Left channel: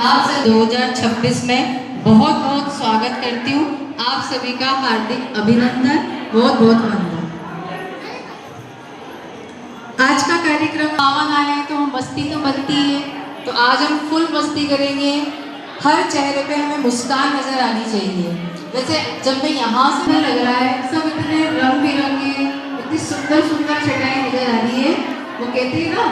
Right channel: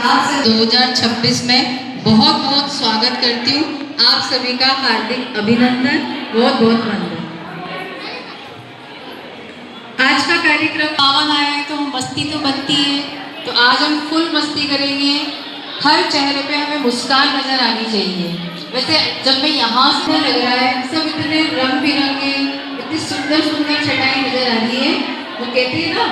आप सब 2026 में बहुत बहुत स्वागत करती हूँ। आप सभी का हार्दिक अभिनंदन, बहुत बहुत वंदन। आज का कार्यक्रम पावन आया है तो मस्ती तो बनती है, तो आज हम फुल मस्ती करेंगे। हर चेहरे पे हमें मुस्कान नजर आनी चाहिए। वैसे जब मैं यहाँ से लग रहा है, सब इतने रंग बिरंगे, इतनी सुंदर सुंदर छटाई नजर आ रही है। वो कहती है ना,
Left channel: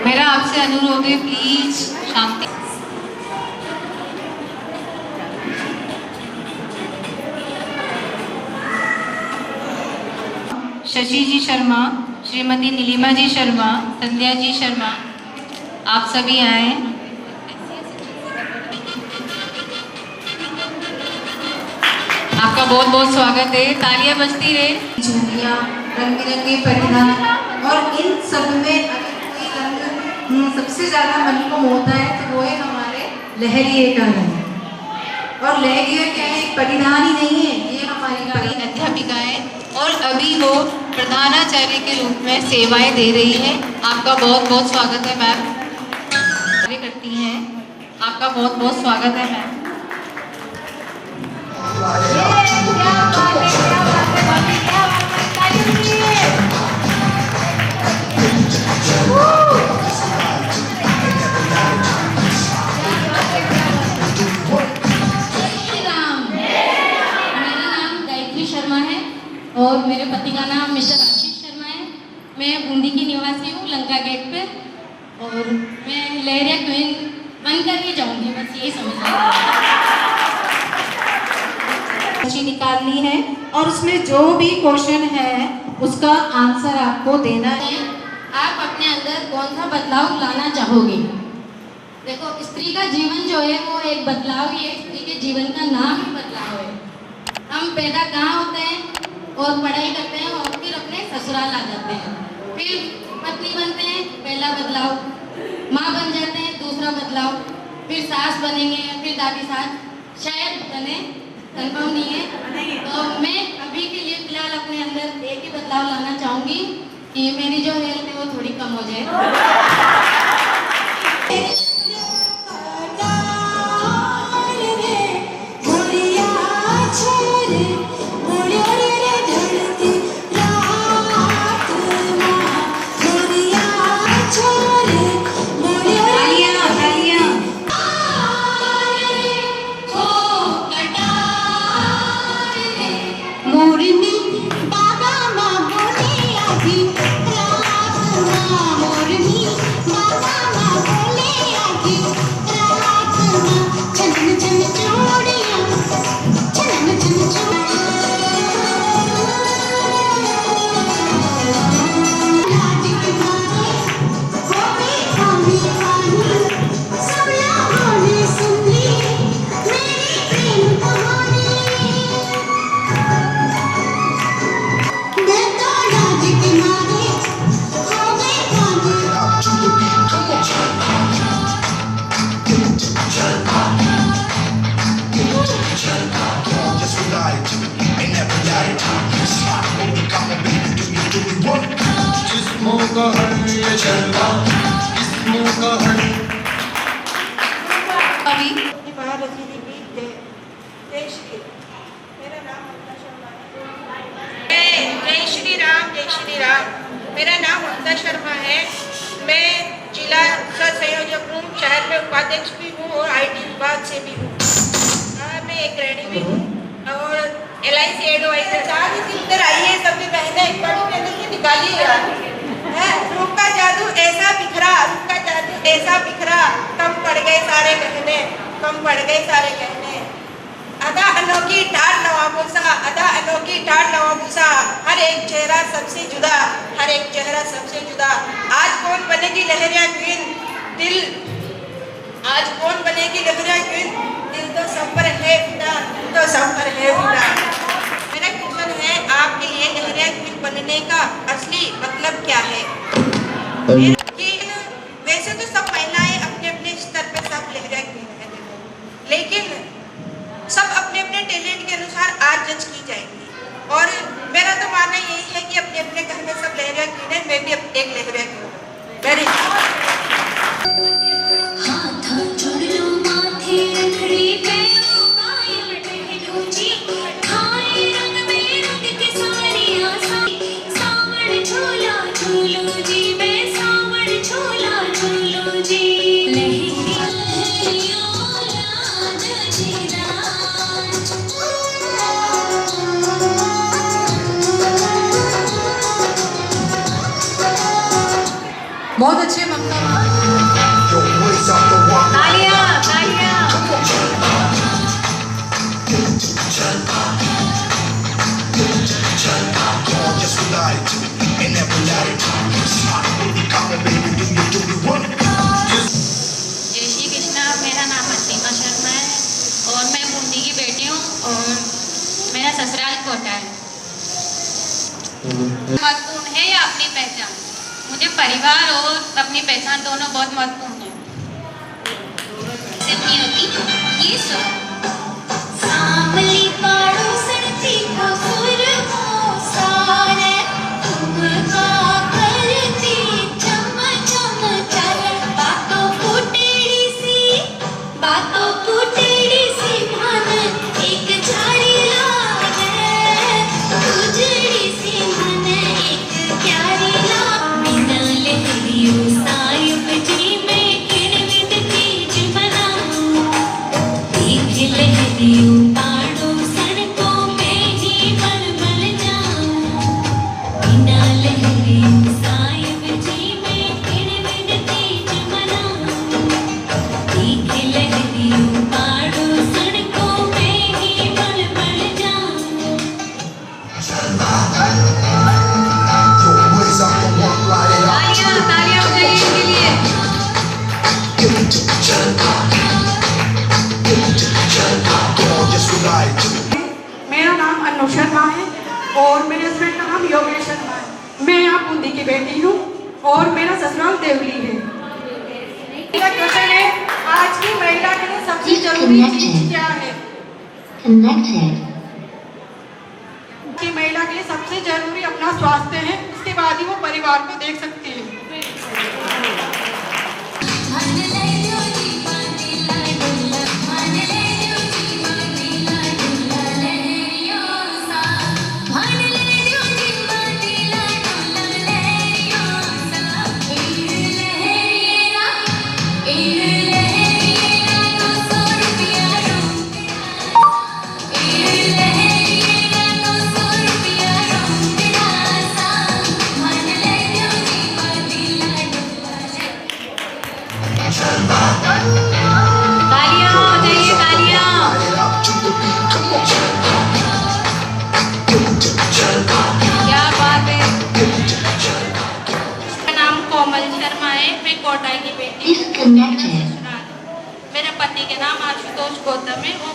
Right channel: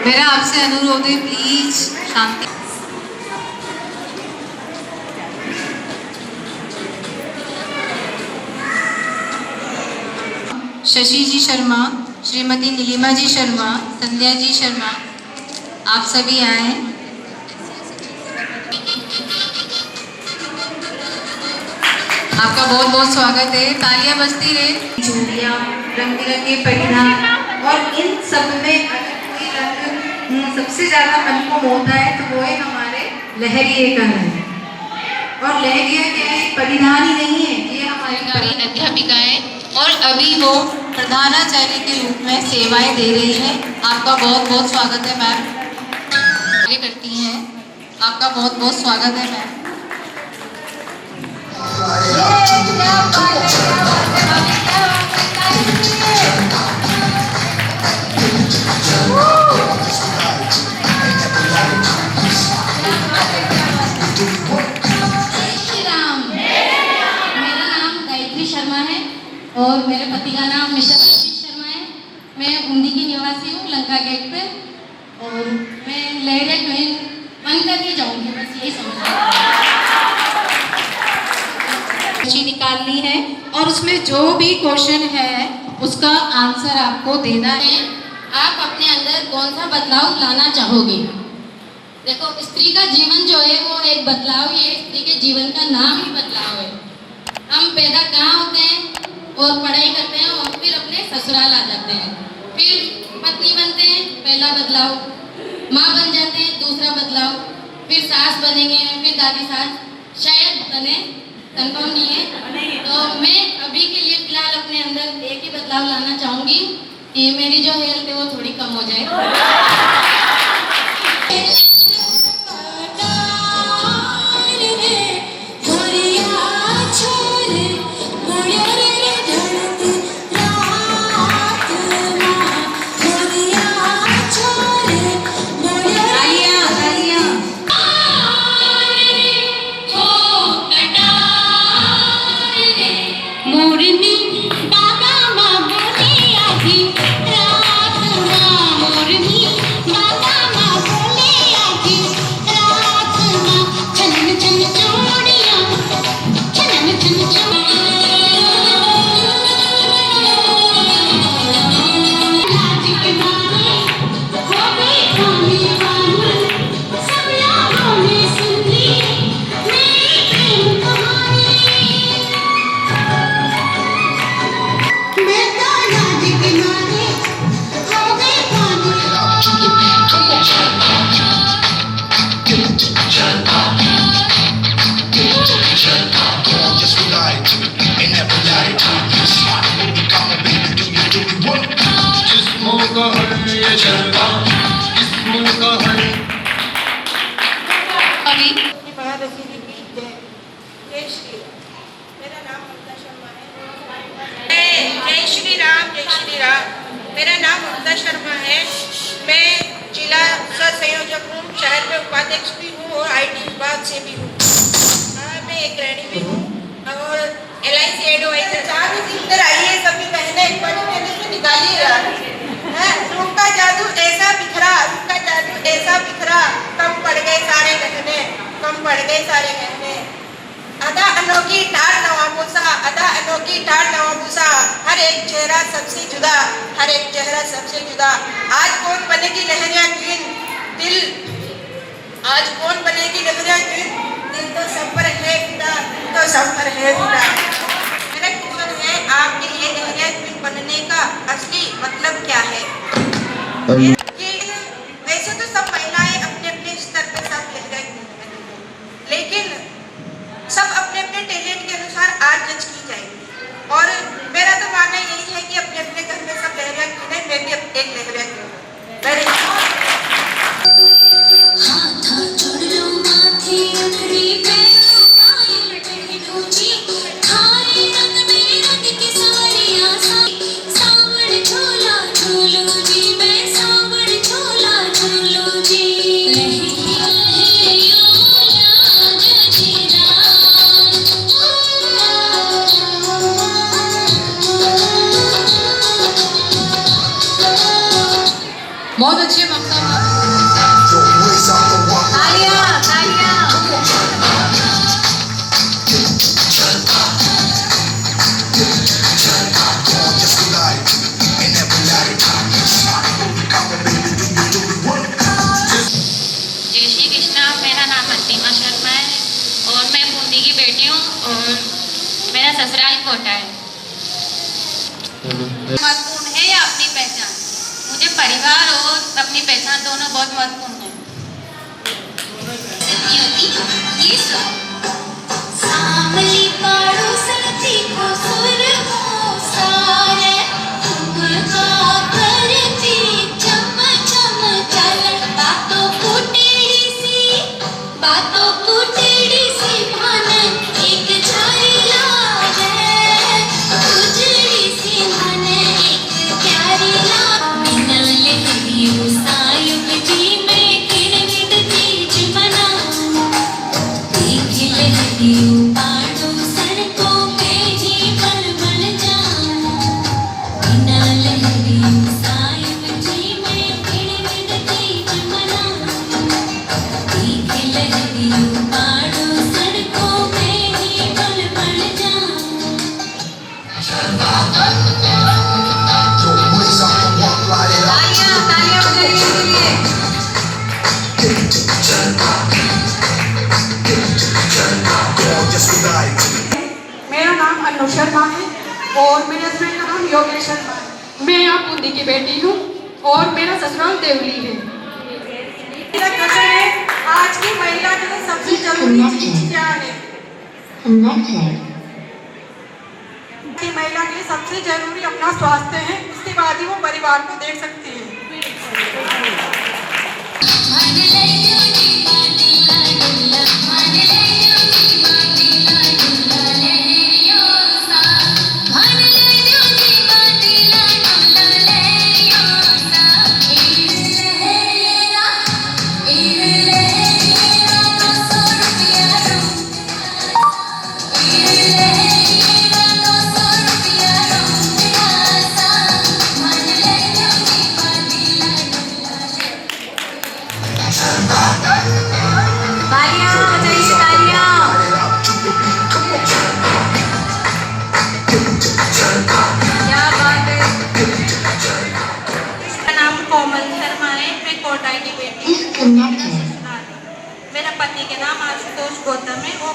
मेरा आपसे अनुरोध है, प्लीज शांति। शशि जी शर्मा, श्रीमती नीलिमा जी शर्मा, संध्या जी शर्मा, आप सभी आए। आपका बहुत बहुत स्वागत है। तालियां बजती रहे। चूड़ियां, रंग बिरंगे परिधान, और इन सब में सबसे ज्यादा मन को मोहता है तो वो है हमारे लहरिये का रंग। और लहरिया क्या है, परिधान ही नहीं है, ये हमारी अध्यापिका है और अभी वो प्रधानाचार्य के रूप में सेवाएं दे रही है। आपका बहुत बहुत स्वागत है मैम। करती हैं, आपका बहुत बहुत स्वागत है मैम। और मेरे पति का नाम मिस्टर आशीष शर्मा है। मैं बूंदी की निवासी हूँ, लंका गेट पे, और मैं लहरिया क्वीन बन करके जाऊँगी, बस यही समझ निकालनी है और उसमें जो भी क्वेश्चन है उसका आंसर आपको देना है। आप अपने अंदर कौन सा बदलाव लाना चाहोगे? देखो, स्त्री का जीवन जो है वो एक बदलाव ही है। स्त्री के जीवन का नाम ही बदलाव है। हम पैदा कहाँ होते हैं और पढ़ाई करते हैं और फिर अपने ससुराल आ जाते हैं, फिर पत्नी बनते हैं, पहला बदलाव, माँ बन जाते हैं, दूसरा बदलाव, फिर सास बनेंगे, फिर दादी सास शायद बने, कंफर्म नहीं है। तो मैं अभी के लिए फिलहाल अपने अंदर एक ही बदलाव लाना चाहूँगी कि मेरी जो हेल्थ है वो थोड़ी कम हो जाए। मोरनी बाबा बोले आजी का है ये शर्मा, किस्मों का है। अभी मेरा नाम ममता शर्मा है। जय श्री राम, जय श्री राम। मेरा नाम ममता शर्मा है। मैं जिला सह संयोजक हूँ, शहर में उपाध्यक्ष भी हूँ और IT विभाग से भी हूँ। मैं एक गृहिणी भी हूँ और LIC एडवाइजर। इधर आइए सभी बहनें, बड़ी मेहनत से निकालिए यार। रूप का जादू ऐसा बिखरा, रूप का जादू ऐसा बिखरा, कम पड़ गए सारे गहने, कम पड़ गए सारे गहने। अदा अनोखी ठाड़ नवाबूसा, अदा अनोखी ठाड़ नवाबूसा, हर एक चेहरा सबसे जुदा, हर एक चेहरा सबसे जुदा। आज कौन बनेगी लहरिया क्वीन, दिल आज कौन बनेगी लहरिया क्वीन, दिल तो सब पर है फिदा, दिल तो सब पर है फिदा। मेरा क्वेश्चन है, आपके लिए लहरिया क्वीन बनने का असली मतलब क्या है? कि वैसे तो सब महिलाएं अपने अपने स्तर पर सब लहरिया क्वीन है, लेकिन सब अपने अपने टैलेंट के अनुसार आज जज की जाएंगी। और मेरा तो मानना यही है कि अपने अपने घर में सब लहरिया क्वीन है, मैं भी एक लहरिया क्वीन हूँ। वेरी बहुत अच्छे ममता। तालियां तालियां। जय श्री कृष्णा। मेरा नाम प्रतिमा शर्मा है और मैं बूंदी की बेटी हूँ और मेरा ससुराल कोटा है। महत्वपूर्ण है या अपनी पहचान? मुझे परिवार और अपनी पहचान दोनों बहुत महत्वपूर्ण है। ये सब सामली पाड़ो सड़ती को सुर हो सारे तुमका करती चम चम चल बातों फूटेड़ी सी मन एक झाड़ी लागे उजड़ी सी मन एक प्यारी लागे बिना लहरियों सायुब जी में किरमिट तेज बना देख लहरियों पाड़ो सड़कों पे ही बल बल जाना बिना लहरियों सायुब जी में किरमिट तेज बना देख लहरियों पाड़ो सड़कों पे ही बल बल जाना। तालियां तालियां बजाइए इसके लिए। मेरा नाम अनु शर्मा है और मेरे हस्बैंड का नाम योगेश शर्मा है। मैं यहाँ बूंदी की बेटी हूँ और मेरा ससुराल देवली है। मेरा क्वेश्चन है, आज की महिला के लिए सबसे जरूरी चीज क्या है? की महिला के लिए सबसे जरूरी अपना स्वास्थ्य है, उसके बाद ही वो परिवार को देख सकती है। तालियां बजाइए तालियां। क्या बात है। मेरा नाम कोमल शर्मा है, मैं कोटा की बेटी हूँ। मेरे पति के नाम आशुतोष गौतम है, वो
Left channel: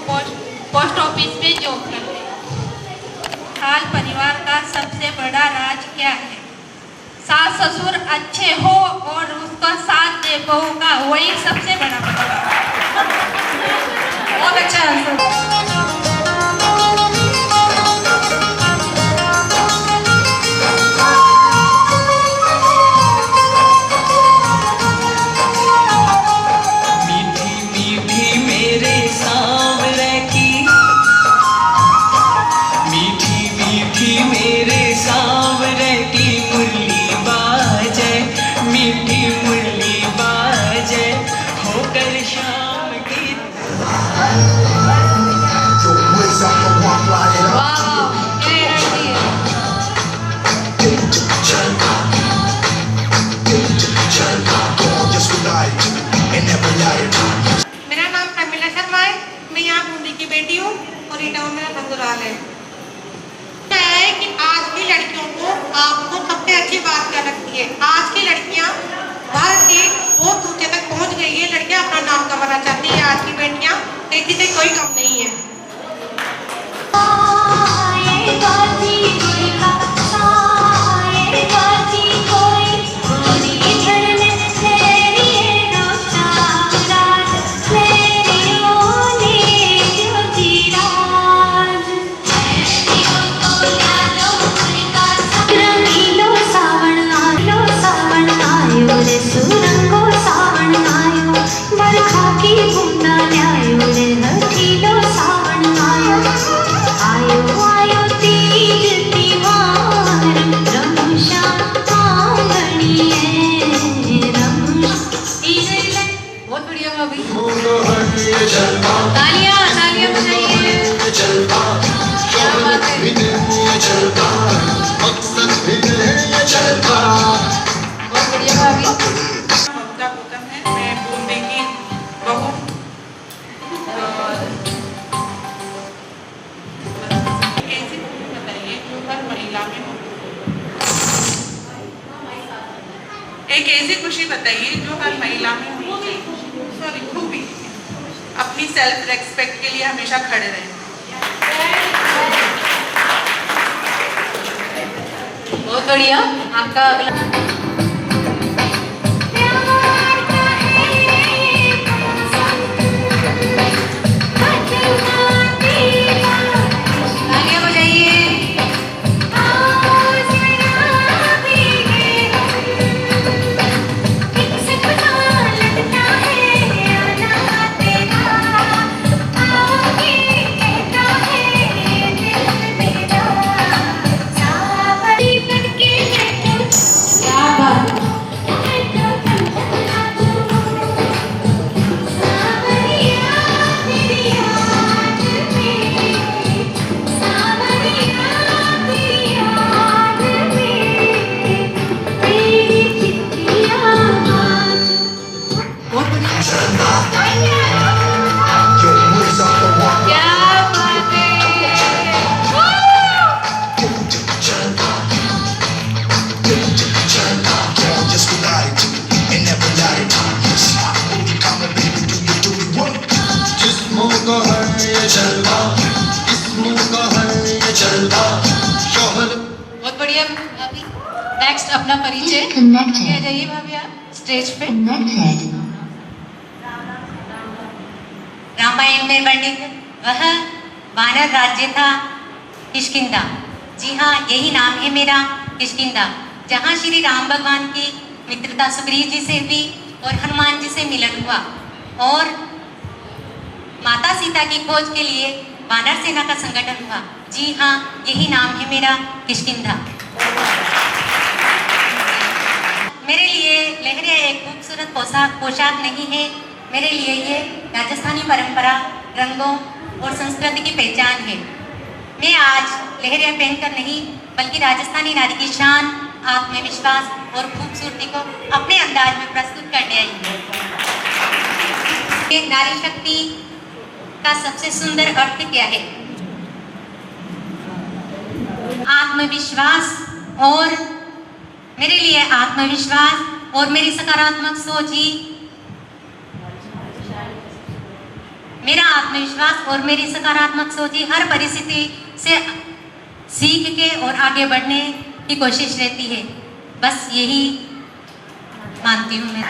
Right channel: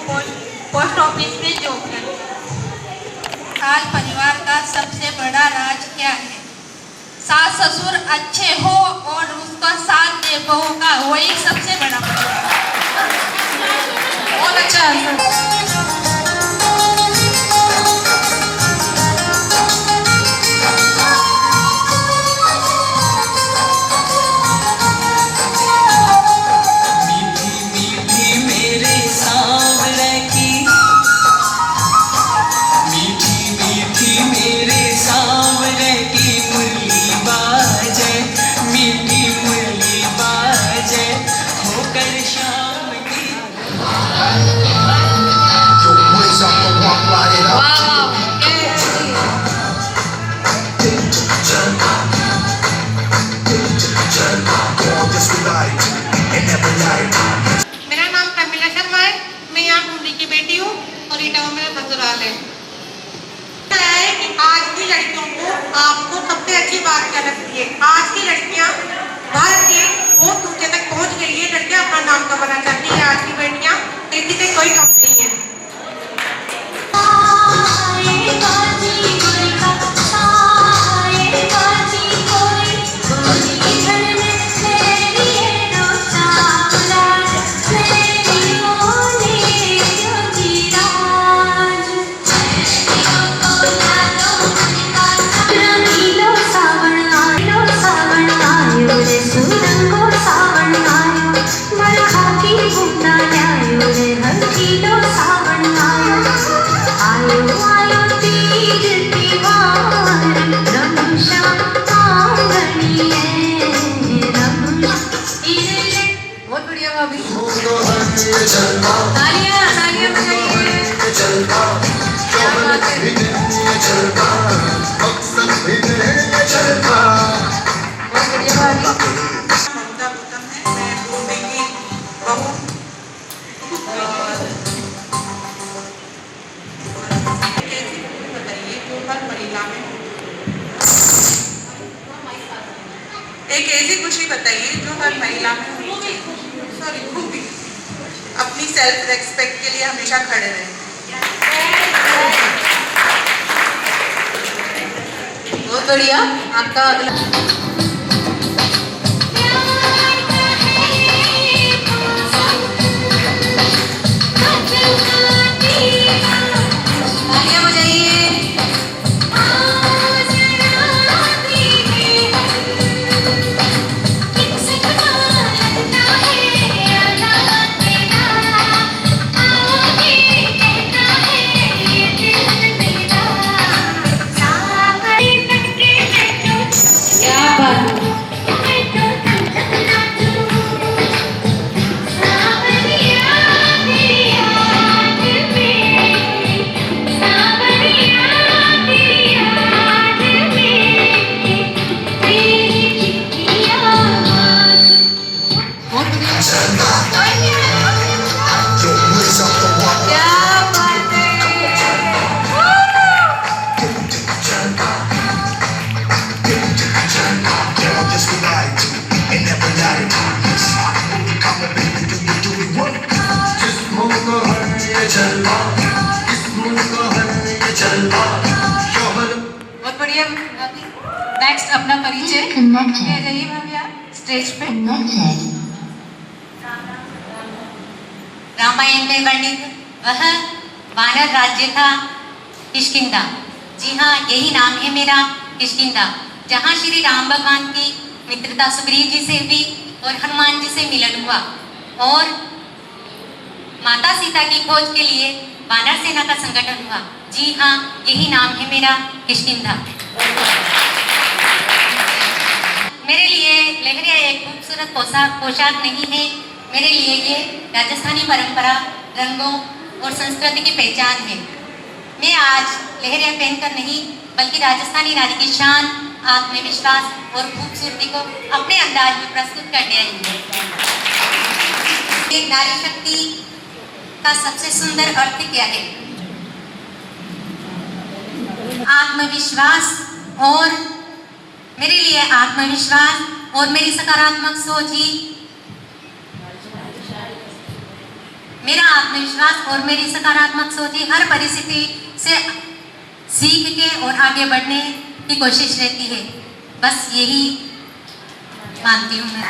पोस्ट ऑफिस में जॉब करते हैं। आज परिवार का सबसे बड़ा राज क्या है? सास ससुर अच्छे हो और उसका साथ दे बहू का, वही सबसे बड़ा बदलाव है। बहुत अच्छा आंसर। मेरे सांवरे की मुरली बाजे, मीठी मुरली बाजे, होकर शाम की Yo, raise up the walk, light it up. Gorgeous with light and every light. मेरा नाम अमीना शर्मा है। मैं यहाँ बूंदी की बेटी हूँ और ये टाउन मेरा ससुराल है। क्या है कि आज की लड़कियों को आपको सबसे अच्छी बात क्या लगती है? आज की लड़कियाँ भारत के बहुत ऊंचे तक पहुँच गई है। लड़कियाँ अपना नाम कमाना चाहती है। आज की बेटियाँ किसी से कोई कम नहीं है। बहुत बढ़िया भाभी। तालियां तालियां बजाइए। क्या बात है। बहुत बढ़िया भाभी। ममता गौतम है। मैं बूंदी की बहू। कैसी खुशी बताइए जो हर महिला में एक ऐसी खुशी बताइए जो हर महिला में सॉरी खूबी अपनी सेल्फ रेस्पेक्ट के लिए हमेशा खड़े रहें। बहुत बढ़िया। आपका अगला तालियां बजाइए। क्या बात है। Yo, raise up the walk, क्या बात है। gorgeous with light and every light. Come on, baby, do it what? जिस्मों का है ये जलवा, जिस्मों का है ये जलवा, शोहर बहुत बढ़िया भाभी। नेक्स्ट अपना परिचय आगे आ जाइए भाभी आप स्टेज पे। रामायण में वर्णित वह वानर राज्य था किष्किंधा। जी हाँ, यही नाम है मेरा, किष्किंधा, जहाँ श्री राम भगवान की मित्रता सुग्रीव जी से हुई और हनुमान जी से मिलन हुआ और माता सीता की खोज के लिए वानर सेना का संगठन हुआ। जी हाँ, यही नाम है मेरा, किष्किंधा। मेरे लिए लहरिया एक खूबसूरत पोशाक नहीं है। मेरे लिए ये राजस्थानी परंपरा, रंगों और संस्कृति की पहचान है। मैं आज लहरिया पहनकर नहीं बल्कि राजस्थानी नारी की शान, आत्मविश्वास और खूबसूरती को अपने अंदाज में प्रस्तुत करने आई हूँ। नारी शक्ति का सबसे सुंदर अर्थ क्या है? आत्मविश्वास। और मेरे लिए आत्मविश्वास और मेरी सकारात्मक सोच ही मेरा आत्मविश्वास और मेरी सकारात्मक सोच ही हर परिस्थिति से सीख के और आगे बढ़ने की कोशिश रहती है। बस यही मानती हूँ मैं।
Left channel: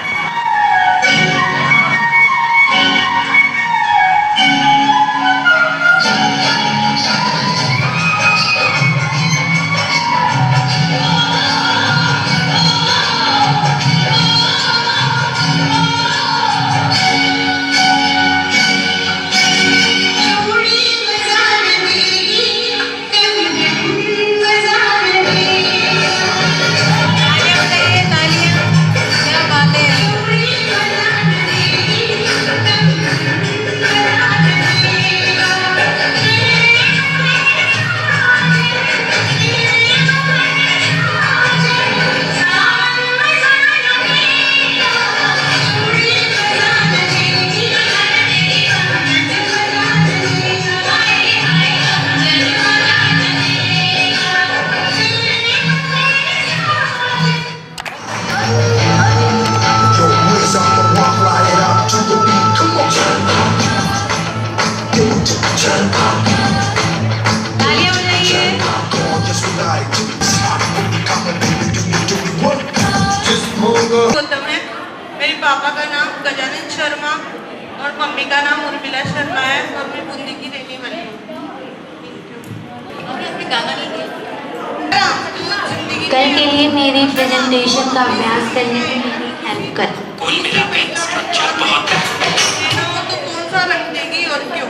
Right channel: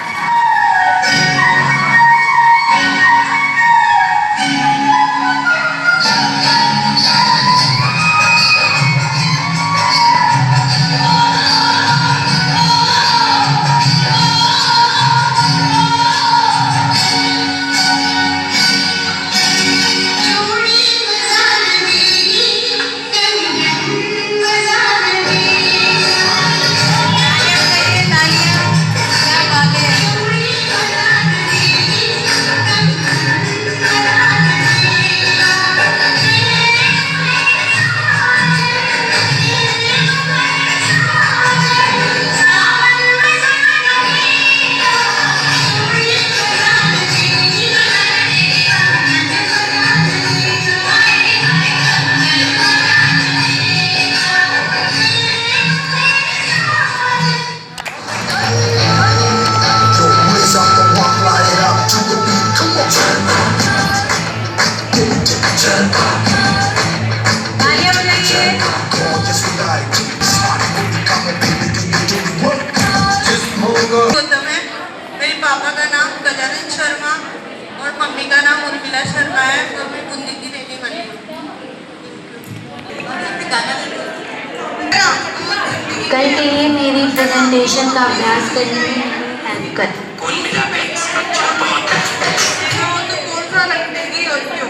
like to start moving, come on, baby, do you do the work? जिस मुंह को गौतम है। मेरे पापा का नाम गजानन शर्मा और मम्मी का नाम उर्मिला शर्मा है और मैं बूंदी की रहने वाली हूँ। कल के लिए मेरी प्रेजेंटेशन का अभ्यास करने में मेरी हेल्प कर। कुल मिलाकर इस बच्चे बहुत तो कौन सा रंग देगी और क्यों?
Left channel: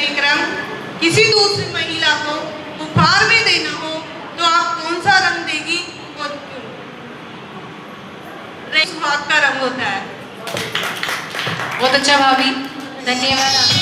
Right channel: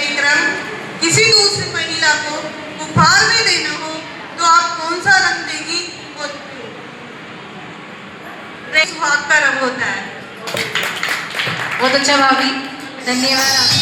एक रंग किसी दूसरी महिला को उपहार में देना हो तो आप कौन सा रंग देगी और क्यों? रेड सुहाग का रंग होता है। बहुत अच्छा भाभी, धन्यवाद।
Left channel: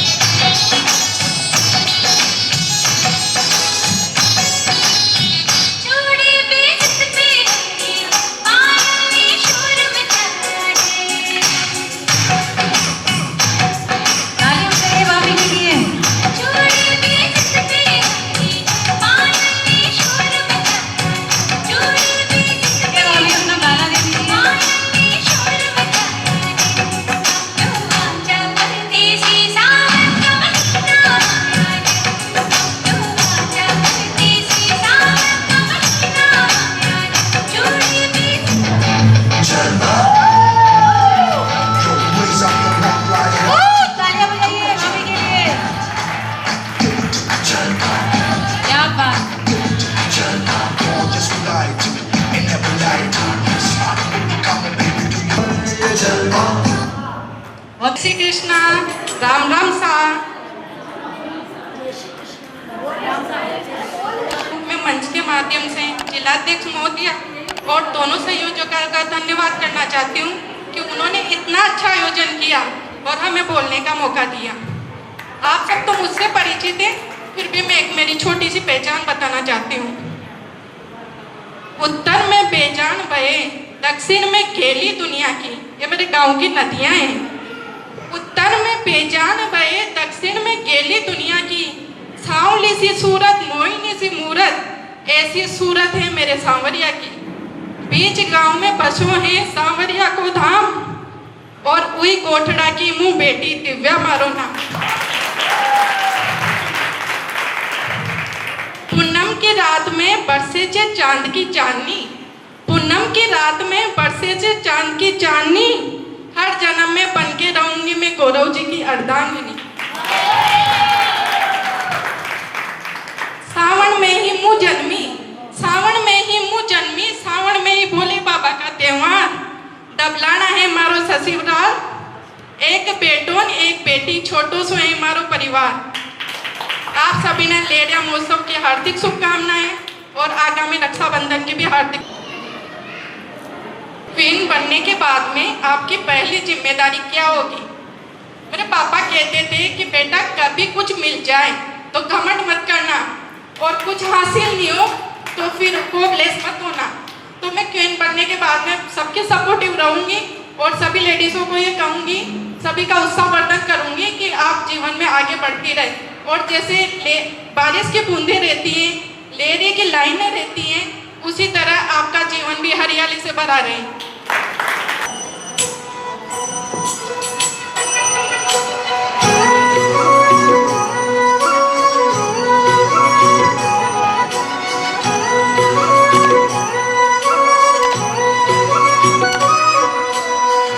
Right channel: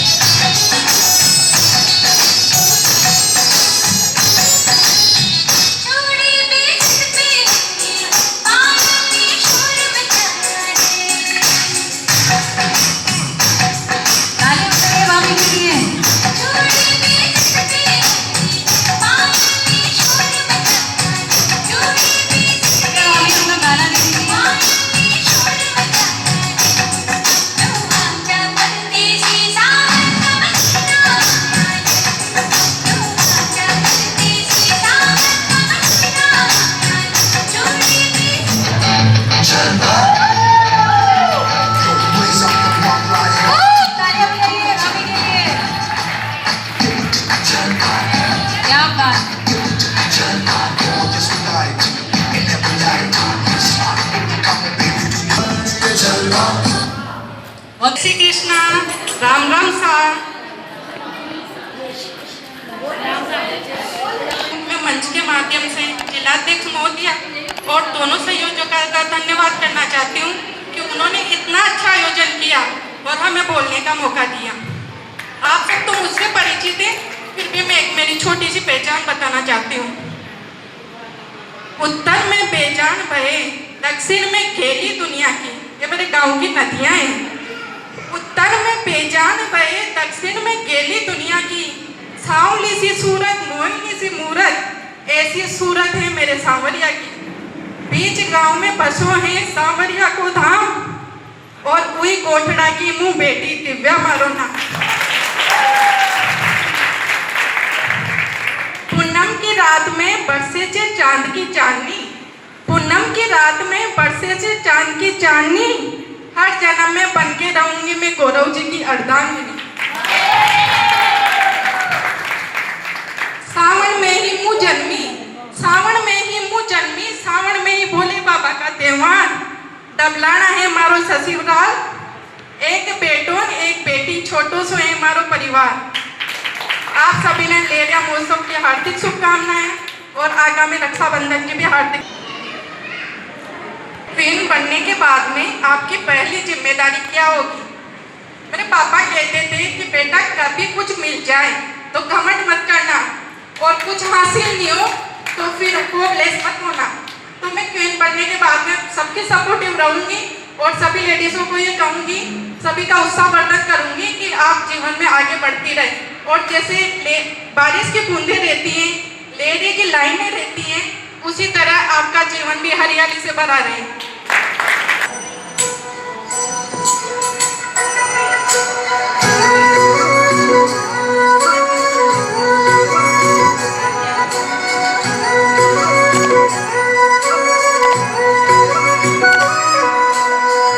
श्री कृष्णा, राम राम सा। मैं मंच के माध्यम से जिलाध्यक्ष महोदया और दोनों संयोजकों का धन्यवाद करना चाहती हूँ कि उन्होंने इतना अच्छा आयोजन किया और हमें बोलने का मौका दिया। आप सब तो मुझसे परिचित हैं, फिर भी मैं एक मेरी छोटी सी पहचान बताना चाहती हूँ। उत्तर में बेजान बहे, दक्षिण में खेली दुनिया की, ये मेरे गांव की नदियाँ हैं। उत्तर में बेजान बहे, दक्षिण में गेली दुनिया की, सांवली सी सूरत, मोहिनी सी मूरत, ऐसी सूरत है मेरे सांवरिया की। बीच गांव में बसो है सांवरिया को धाम, और उई कोठड़ा की मुंह बेटी दिव्या मारो नाम। पूनम की रात में बरसे से चांद की चांदनी, पूनम की रात में बरसे से चांद की चांदनी, हर जन्म में बन के रहूंगी मैं गौरव जी की अर्धांगिनी। सावन में ही मुँह जन्मी, सावन में ही मुँह जन्मी, सावन में ही भोले बाबा का त्योहार, डबलाना है मारो ससुराल, एक बेटों एक बेटी छोटो सो है मारो परिवार। आप सभी ने लेडिया महोत्सव की हार्दिक शुभकामनाएं और आगामी रक्षाबंधन की भी हार्दिक। क्वीन बनने के बाद में आपकी पहली जिम्मेदारी क्या होगी? मेरे पापा कहते थे कि बेटा कभी कुछ मिल जाए तो घमंड मत करना, और कुछ हासिल नहीं हो तो फिर होपलेस मत होना। तो मैं क्वीन बनने के बाद में सबके सपोर्टिव रहूंगी और सभी लेडीज़ों को ये कहूँगी, सभी का उत्साहवर्धन करूँगी कि आप जीवन में आगे बढ़ती रहे। और जैसे बारिश की बूंदें रहती हैं, लेरे की लाइनें रहती हैं, उसी तरह आपका जीवन भी हरियाली से भरा रहे।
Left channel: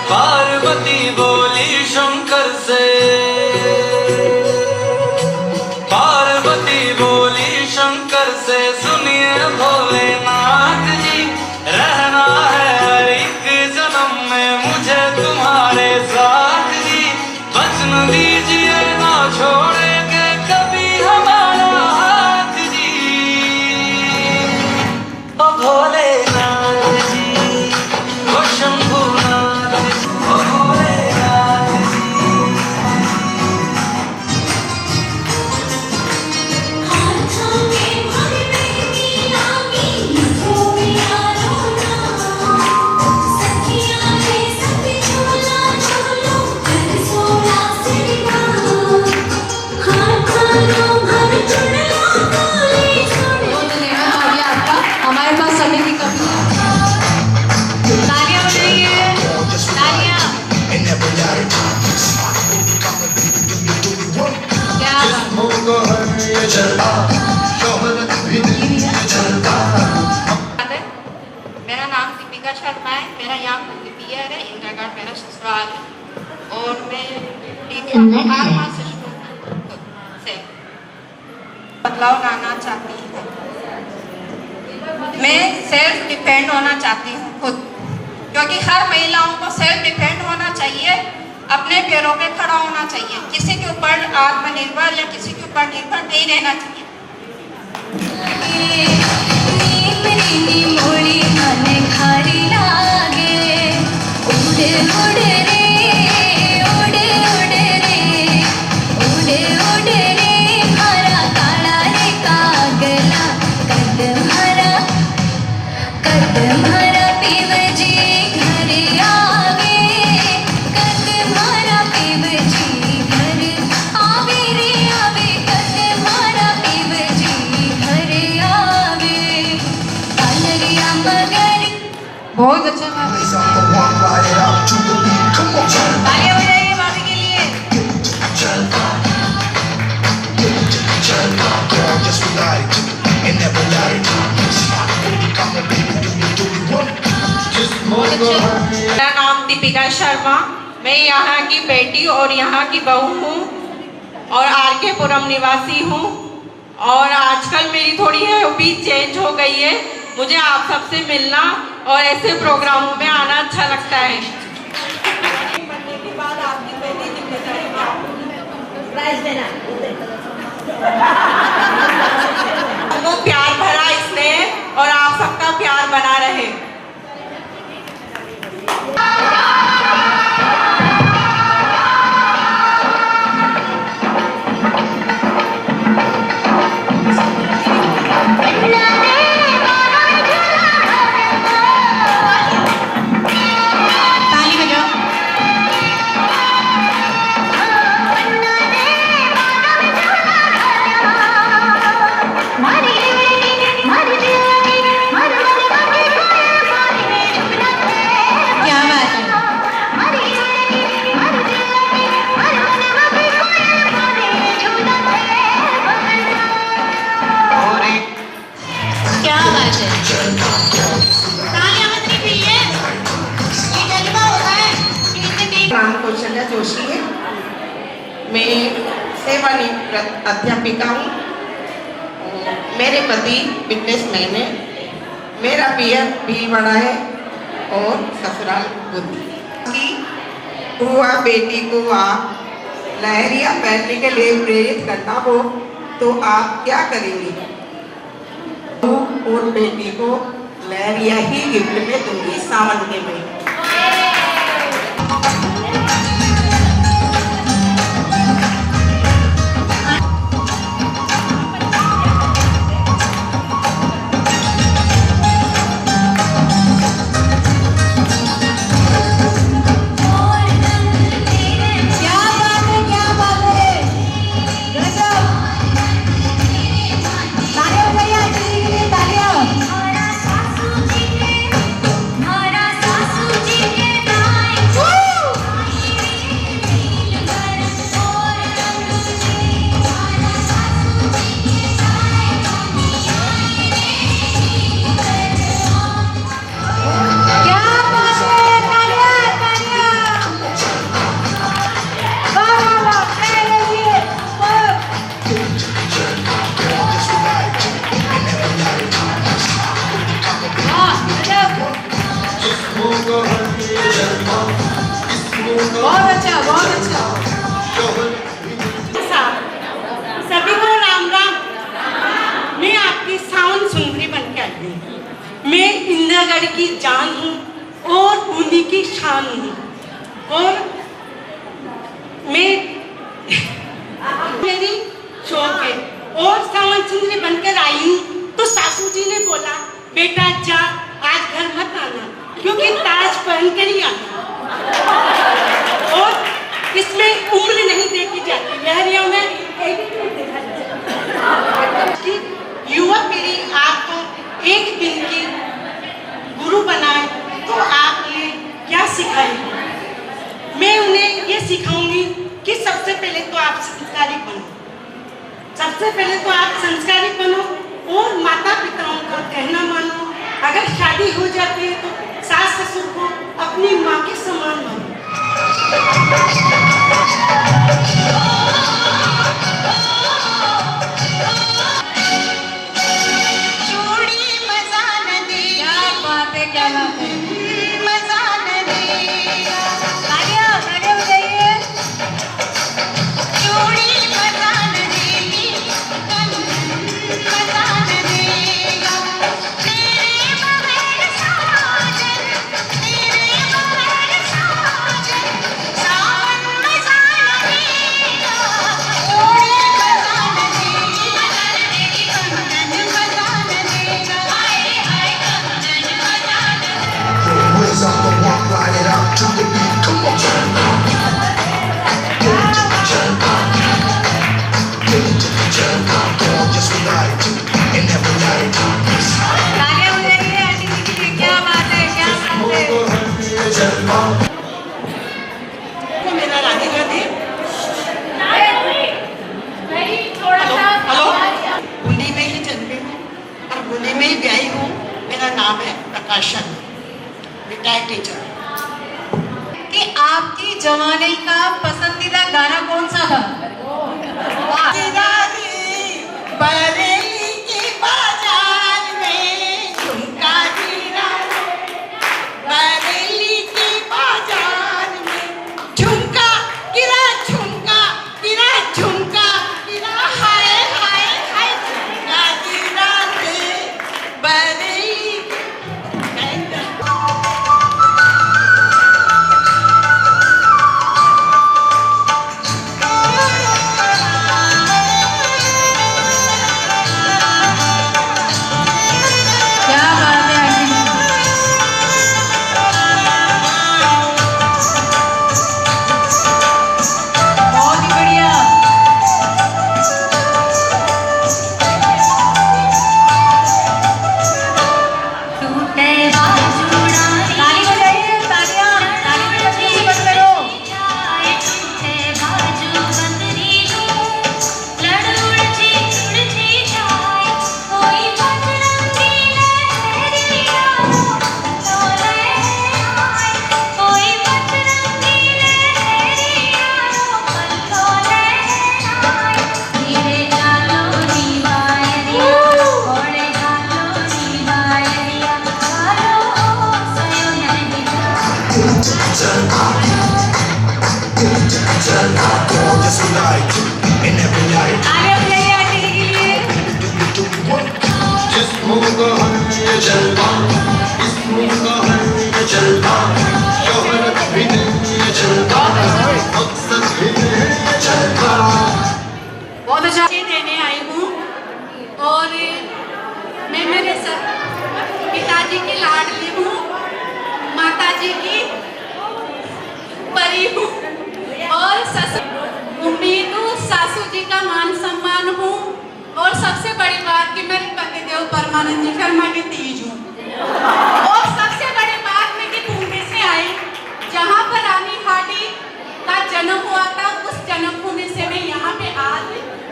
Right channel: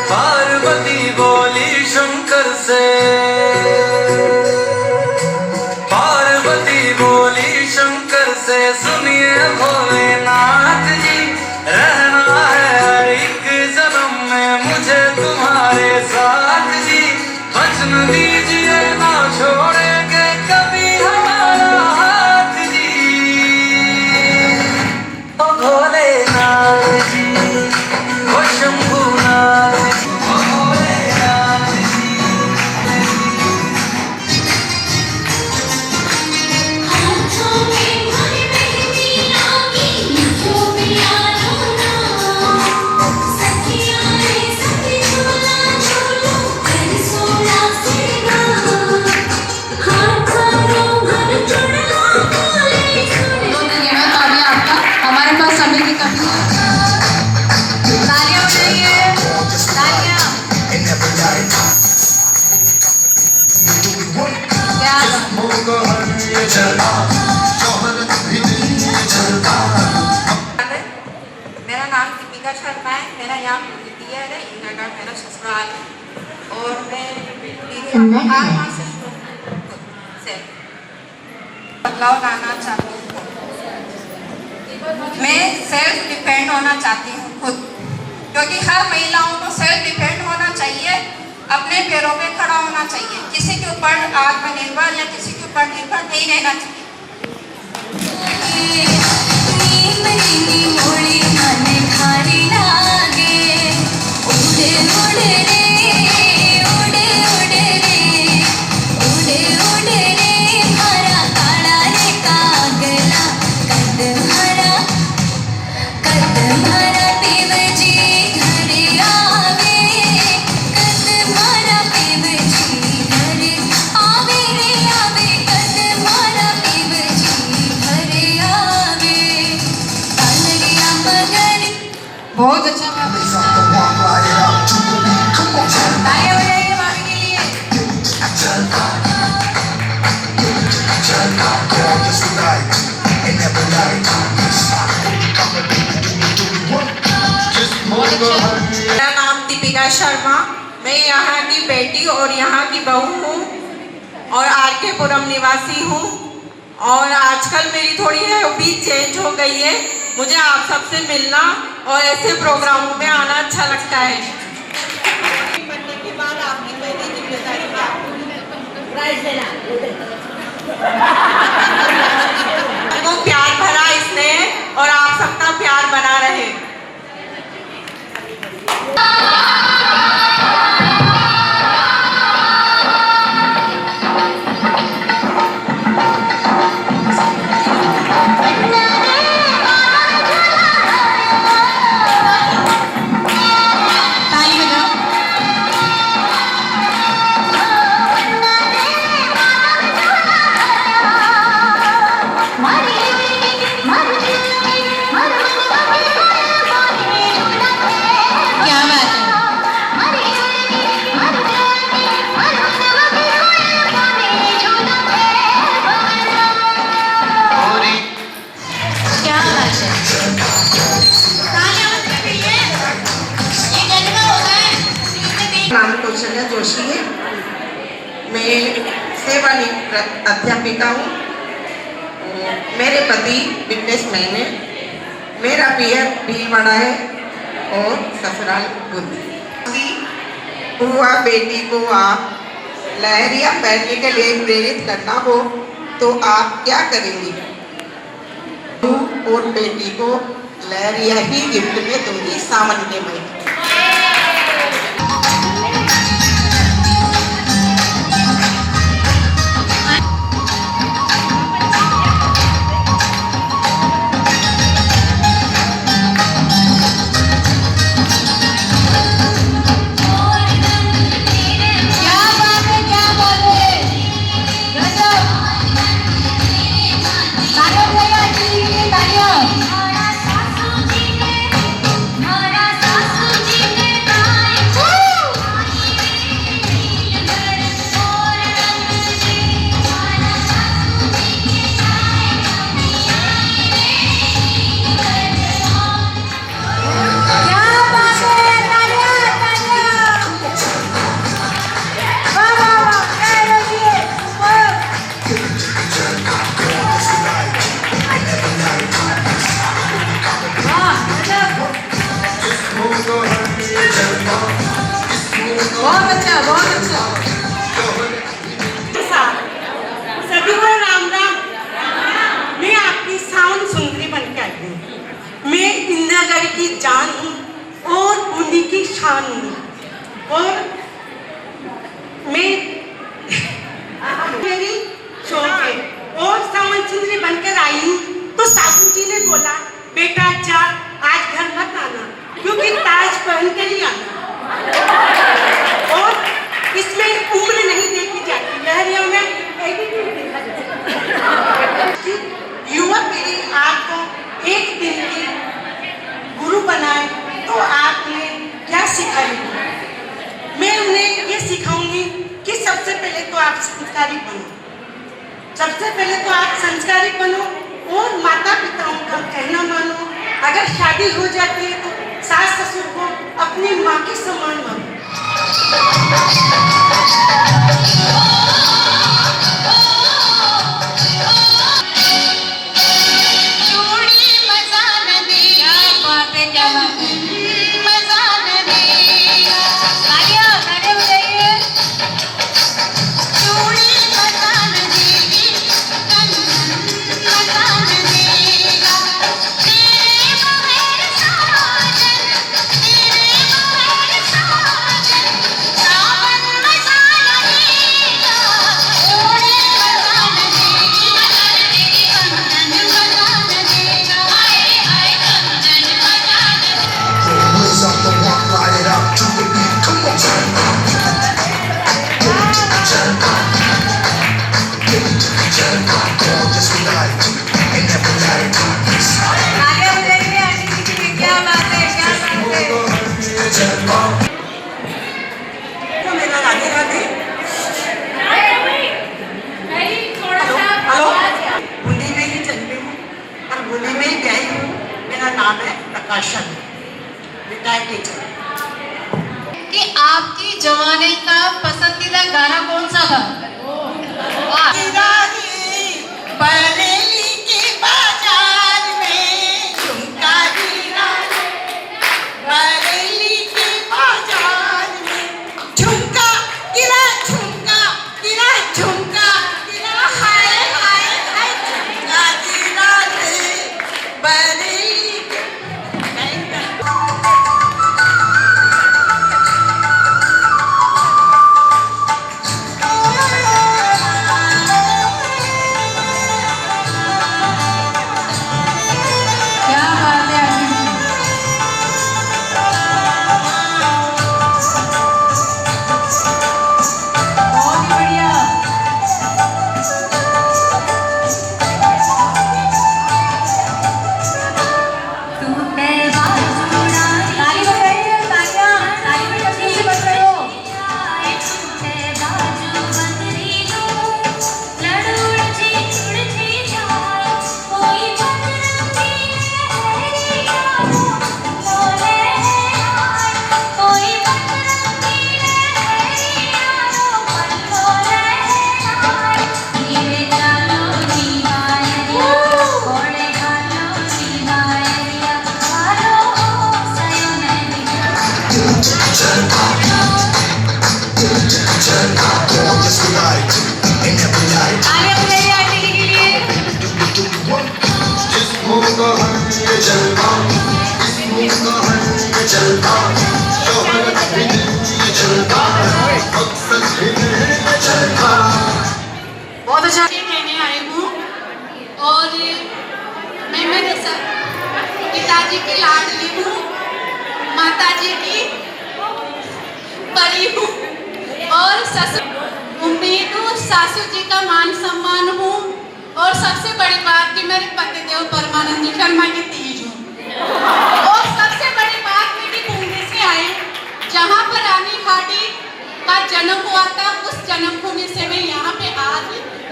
पार्वती बोली शंकर से, पार्वती बोली शंकर से, सुनिए भोलेनाथ जी, रहना है मुझे पियर है, इंदिरा मेरा ससुराल है और मैं दीदी को 8 माह से बदलाव लाना चाहती हूँ। मैं सेल्फ डिपेंड होना चाहती हूँ खुद, क्योंकि हर महिलाओं को सेल्फ डिपेंड होना चाहिए, अपने पैरों पे खड़ा होना चाहिए, किसी के ऊपर आत्मनिर्भर या किसी के ऊपर निर्भर नहीं रहना चाहिए। बहुत अच्छा गाया। तालियां बजाइए भाभी के लिए। मेरा नाम दीपिका शर्मा, मैं यहाँ की बेटी और यहाँ की बहू हूँ और आर.के. पुरम निवासी हूँ। और आजकल मेरी थोड़ी हॉबी चेंज हो गई है, मुझे आप सबसे मिलना और ऐसे प्रोग्रामों में आना अच्छा लगता है। बनने के बाद आपकी पहली जिम्मेदारी क्या वो प्यार भरा स्नेह और आप सबका प्यार बना रहे। कौशल्या जोशी है, मैं सेवानिवृत्त अध्यापिका हूँ। मेरे पति बिजनेसमैन है, मेरा पियर भीलवाड़ा है और ससुराल बुद्धि। बुआ बेटी को आप लहरिया पहनने के लिए प्रेरित करना हो तो आप क्या करेंगी? और बेटी को लहरिया ही गिफ्ट में दूंगी सावन के महीने। बहुत अच्छा, बहुत अच्छा। सभी को राम राम। मैं आपकी साउंड सुंदरी बनकर आई हूँ। मैं इंदिरागढ़ की जान हूँ और उन्हीं की शान हूँ। और मैं मेरी शौक है और साउंड सुंदरी बनकर आई हूँ तो सासू जी ने बोला, बेटा जा आज घर मत आना क्योंकि ताज पहन कर ही आना। और इसमें उम्र नहीं देखी जाती, लहरिया में एटीट्यूड देखा जाता है कि युवक मेरी आपको एक दिन की गुरु बनाए तो आप उन्हें क्या सिखाएंगे? मैं उन्हें ये सिखाऊंगी कि सबसे पहले तो आप संस्कारी बनो, सबसे पहले तो आप संस्कारी बनो और माता पिताओं का कहना मानो। अगर शादी हो जाती है तो सास ससुर को अपनी के समान मानो। जोड़ी मजा न देगा, बात है, क्या बात है। मजा न देगा, तालियां तालियां बजाइए। जोड़ी मजा न देगी, मजा न देगा, तेरे बगैर साजन, तेरे बगैर साजन, सावन मजा न देगा, जोड़ी मजा न देगी, कंगन मजा न देगा, हाय हाय कंगन मजा न देगा। Words off the walk, ride it out to the beat. Come on, turn up. Get it to the turn up. Get it to the turn up. Come on, just ride it and never let it go. तालियां बजाइए aunty जी के लिए। क्या बात है, क्या बात है। तो मेरा राधे राधे। हेलो, बूंदी में ही जन्मी हूँ और बूंदी में ही ब्याही हूँ। मेरा नाम है प्रकाशन, रिटायर्ड टीचर। कि आपकी जवानी का पसंदीदा गाना कौन सा था? वाह। बरेली के बाजार में झुमका गिरा, बरेली के बाजार में झुमका गिरा, झुमका गिरा, झुमका गिरा, हाय हाय हाय झुमका गिरा रे बरेली के। क्या बात है आंटी जी। बहुत ही बढ़िया। टूटे बाजूड़ा ताली बजाइए, तालियां तालियां अच्छे से बज रहे हो। टूटे बाजू बंदरी लड़ुड़ जी उड़ जी जाए कोई बजरंगी लहरी लोले आए कोई बजरंगी लहरी लोले आए ये चालो दीवारिया ओड़े चालो दीवारिया चालो सयन दिखा Get it to the turn up. Get it to the turn up. Come on, just ride it and never let it तालियां बजाइए आंटी जी के लिए। do what? जिस्मों का है ये जलवा, जिस्मों का है ये जलवा, शोहरत भी नहीं ये जलवा, मकसद भी नहीं ये जलवा। बहुत अच्छा। देने आई हूँ और मैं मेरे पिताजी की लाडली हूँ, माताजी की परी हूँ और उम्मीद सासू जी का मान सम्मान हूँ और सबसे बड़ी बात कि मेरे पतिदेव परमानंद शर्मा की तीज हूँ और सबसे बड़ी बात मैं कि बूंदी से आई जहाँ पर रानी हाटी का जन्म हुआ था, उस जन्म भूमि से मैं यहाँ पे आज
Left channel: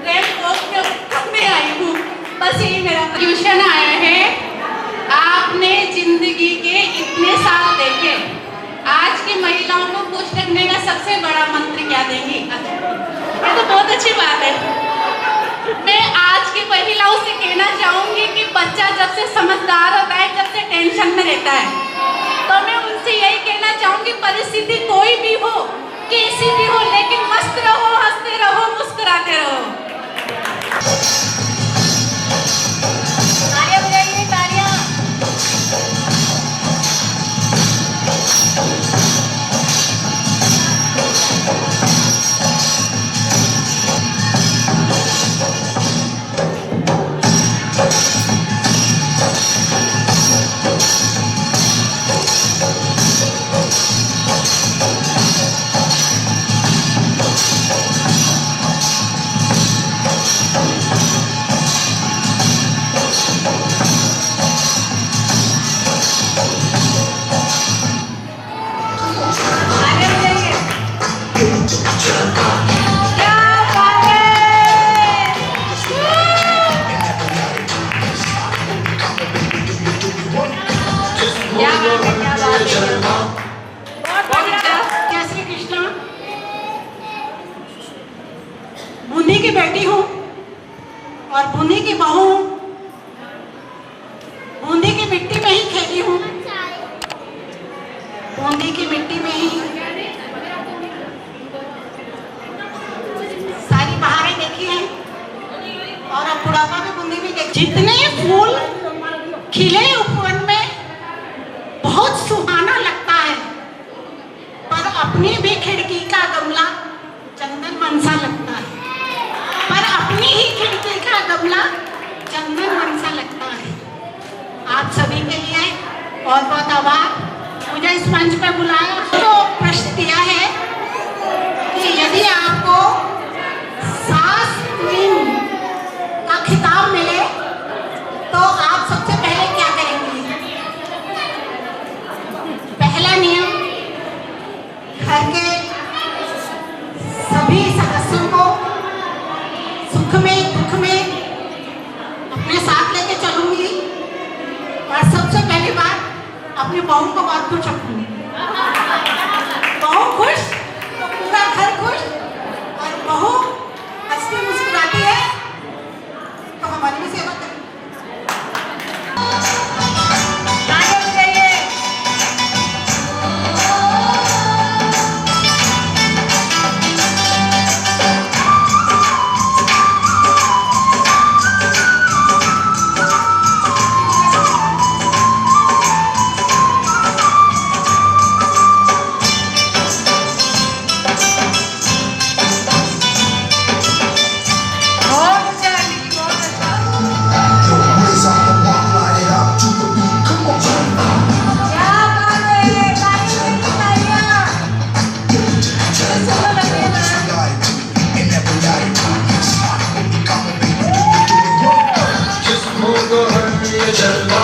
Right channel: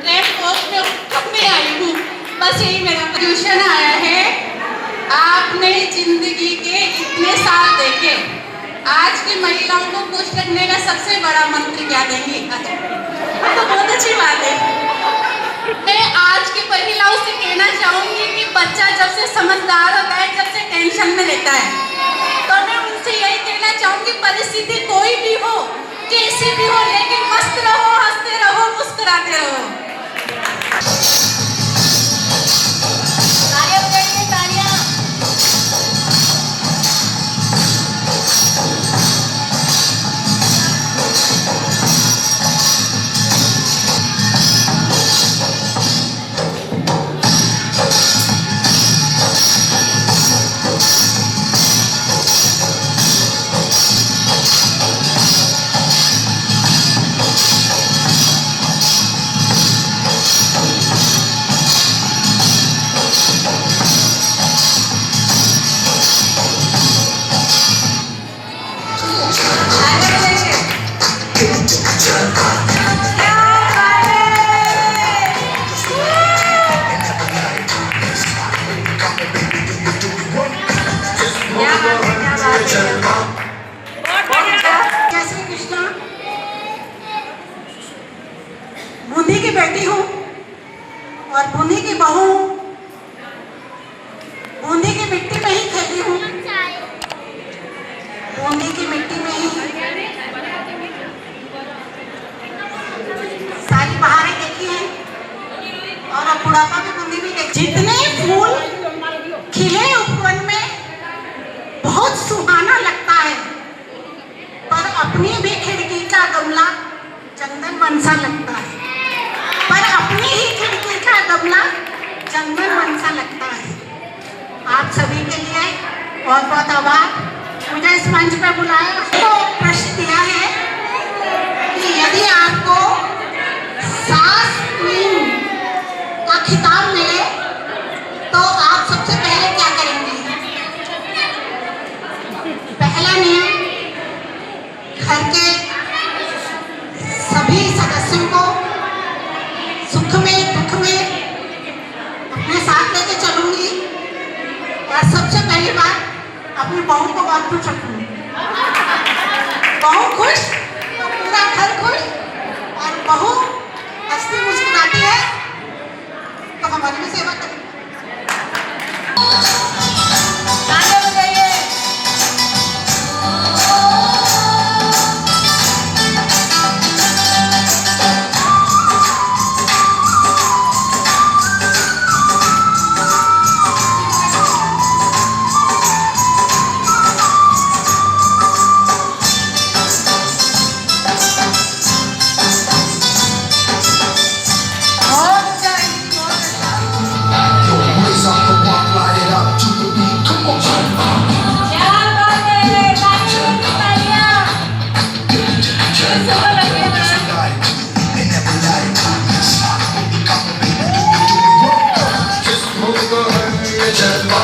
रेड क्रॉस में करने आई हूँ। बस यही मेरा ट्यूशन आया है। आपने जिंदगी के इतने साल देखे, आज की महिलाओं को खुश करने का सबसे बड़ा मंत्र क्या देंगी? अच्छा, ये तो बहुत अच्छी बात है। मैं आज की महिलाओं से कहना चाहूंगी कि बच्चा जब से समझदार होता है, जब से टेंशन में रहता है, तो मैं उनसे यही कहना चाहूंगी परिस्थिति कोई भी हो, कैसी भी हो, लेकिन मस्त रहो, हंसते रहो, मुस्कुराते रहो। तालियां बजाइए, तालियां। मिट्टी में ही खेली हूँ, बूंदी की मिट्टी में ही सारी बहारें देखी हैं और अब बुढ़ापा में बूंदी भी देखी। जितने फूल खिले उपवन में बहुत सुहाना लगता है, पर अपनी भी खिड़की का गमला चंदन मनसा लगता है, पर अपनी ही खिड़की का गमला चंदन मनसा लगता है। आप सभी के लिए बहुत बहुत आभार। मुझे इस मंच पे बुलाया तो प्रश्न दिया है कि यदि आपको सास क्वीन का खिताब मिले तो आप सबसे पहले क्या करेंगे? पहला नियम, घर के सभी सदस्यों को सुख में दुख में अपने साथ लेके चलूंगी और सबसे पहली बात अपनी बहू को बहुत खुश रखूंगी। बहू खुश तो पूरा घर खुश, और बहू हंसती मुस्कुराती है तो हमारी भी सेवा करें। Yo, raise up the walk, light it up to the beat. Come on, जिस्मों को है ये जलवा,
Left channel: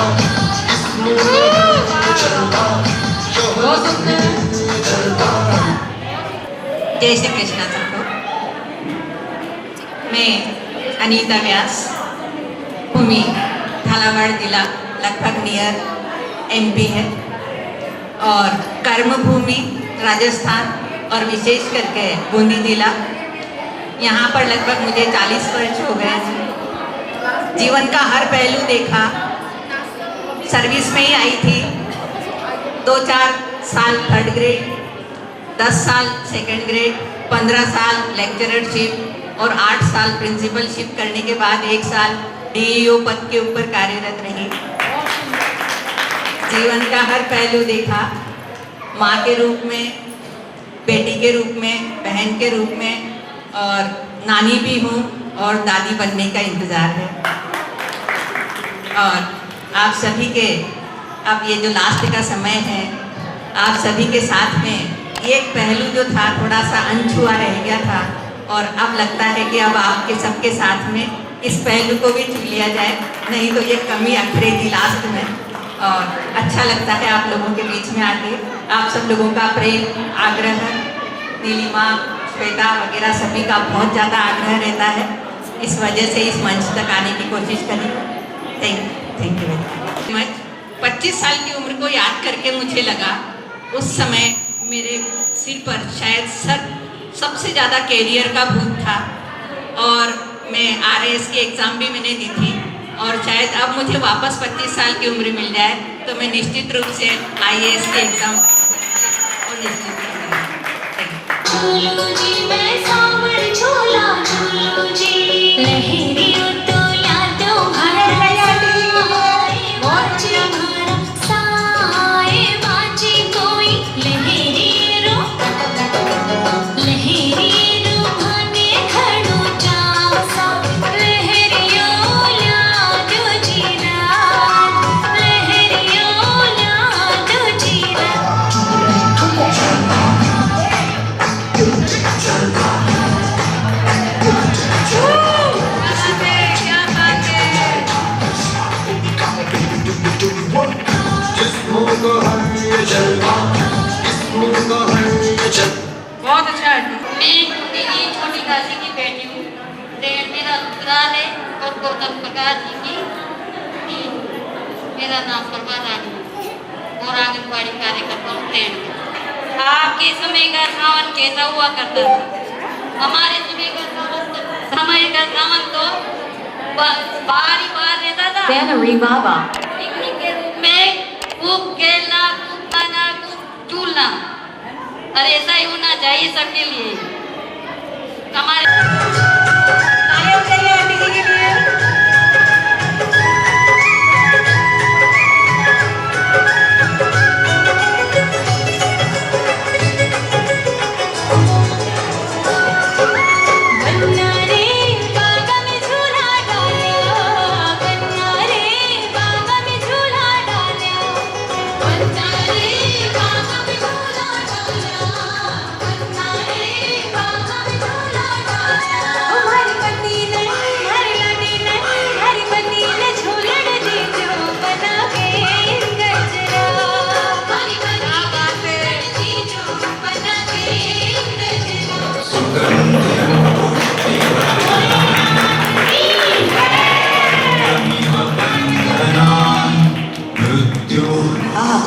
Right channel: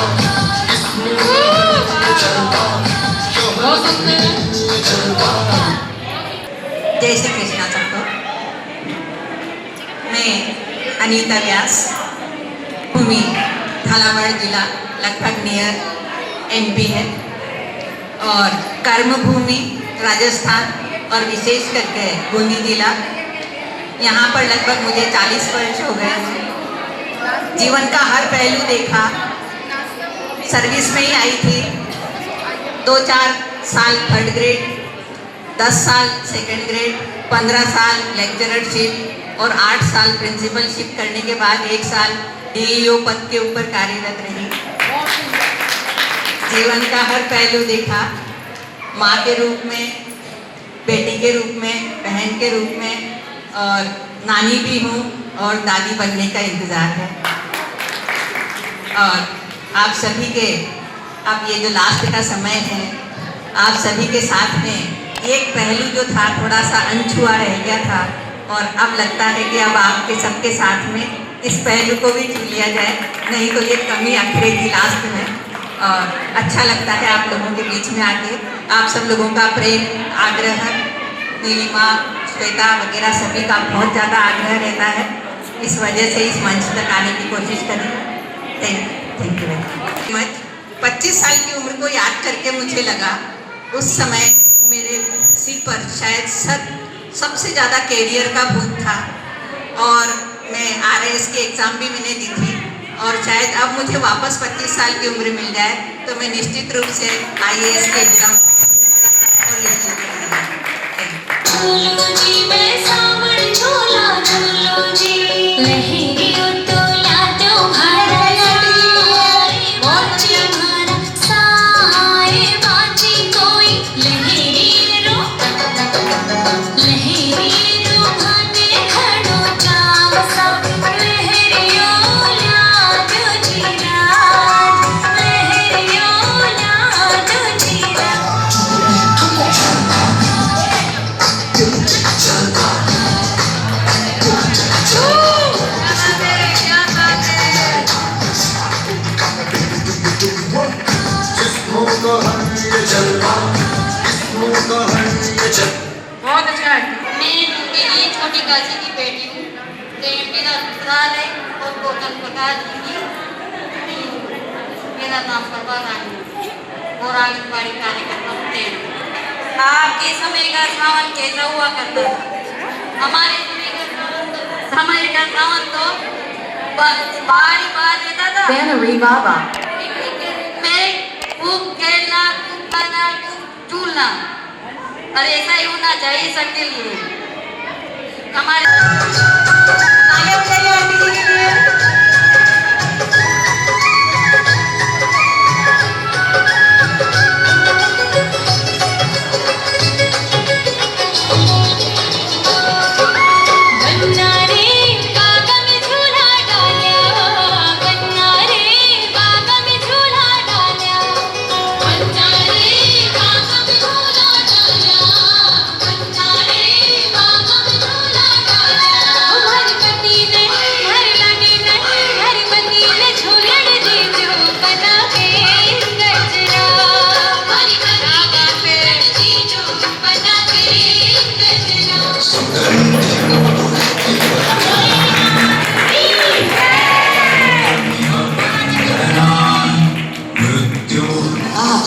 जिस्मों को है ये जलवा, शोहरत में ये जलवा। जय श्री कृष्णा सबको। मैं अनीता व्यास, भूमि झालावाड़ जिला लगभग नियर MP है, और कर्मभूमि राजस्थान और विशेष करके बूंदी जिला। यहाँ पर लगभग मुझे 40 वर्ष हो गए हैं। जीवन का हर पहलू देखा। सर्विस में ही आई थी, 2-4 साल थर्ड ग्रेड, 10 साल सेकंड ग्रेड, 15 साल लेक्चररशिप और 8 साल प्रिंसिपलशिप करने के बाद 1 साल DEO पद के ऊपर कार्यरत रही। जीवन का हर पहलू देखा, माँ के रूप में, बेटी के रूप में, बहन के रूप में, और नानी भी हूँ और दादी बनने का इंतज़ार है। और आप सभी के, अब ये जो लास्ट का समय है, आप सभी के साथ में एक पहलू जो था थोड़ा सा अनछुआ रह गया था, और अब लगता है कि अब आपके सबके साथ में इस पहलू को भी छू लिया जाए, नहीं तो ये कमी अखरेगी लास्ट में। और अच्छा लगता है आप लोगों के बीच में आके। आप सब लोगों का प्रेम, आग्रह, नीलिमा, श्वेता वगैरह सभी का बहुत ज़्यादा आग्रह रहता है, इस वजह से इस मंच तक आने की कोशिश करी। Thank you very much. 25 साल की उम्र को याद करके मुझे लगा उस समय मेरे सिर पर शायद सबसे ज़्यादा कैरियर का भूत था, और मैं RAS की एग्ज़ाम भी मैंने दी थी, और शायद अब मुझे वापस 25 साल की उम्र मिल जाए तो मैं निश्चित रूप से IAS की एग्ज़ाम और निश्चित झूलो जी मैं सावन झूला झूलो जी लहरी उतोला तो भरा मोची भरा साए बाजी कोई लहरी रो भाने खड़ो चासा लहरियो लाडो जीरा लहरियो लाडो जीरा। जिस्मों को है ये जलवा, जिस्मों को है ये जलवा। बहुत अच्छा है। मैं ड्यूटी की छोटी काशी की बेटी हूँ। मेरा ससुराल है और गौतम प्रकाश जी की तीन। मेरा नाम प्रभा रानी और आंगनबाड़ी कार्यकर्ता हूँ। आपके समय का सावन कैसा हुआ करता था? हमारे समय का सावन तो बाहर ही बाहर रहता था। पिकनिक के रूप खूब खेलना, खूब खाना, खूब झूलना, और ऐसा ही होना चाहिए सबके लिए। हमारे तालियां बजाइए आंटी जी के लिए।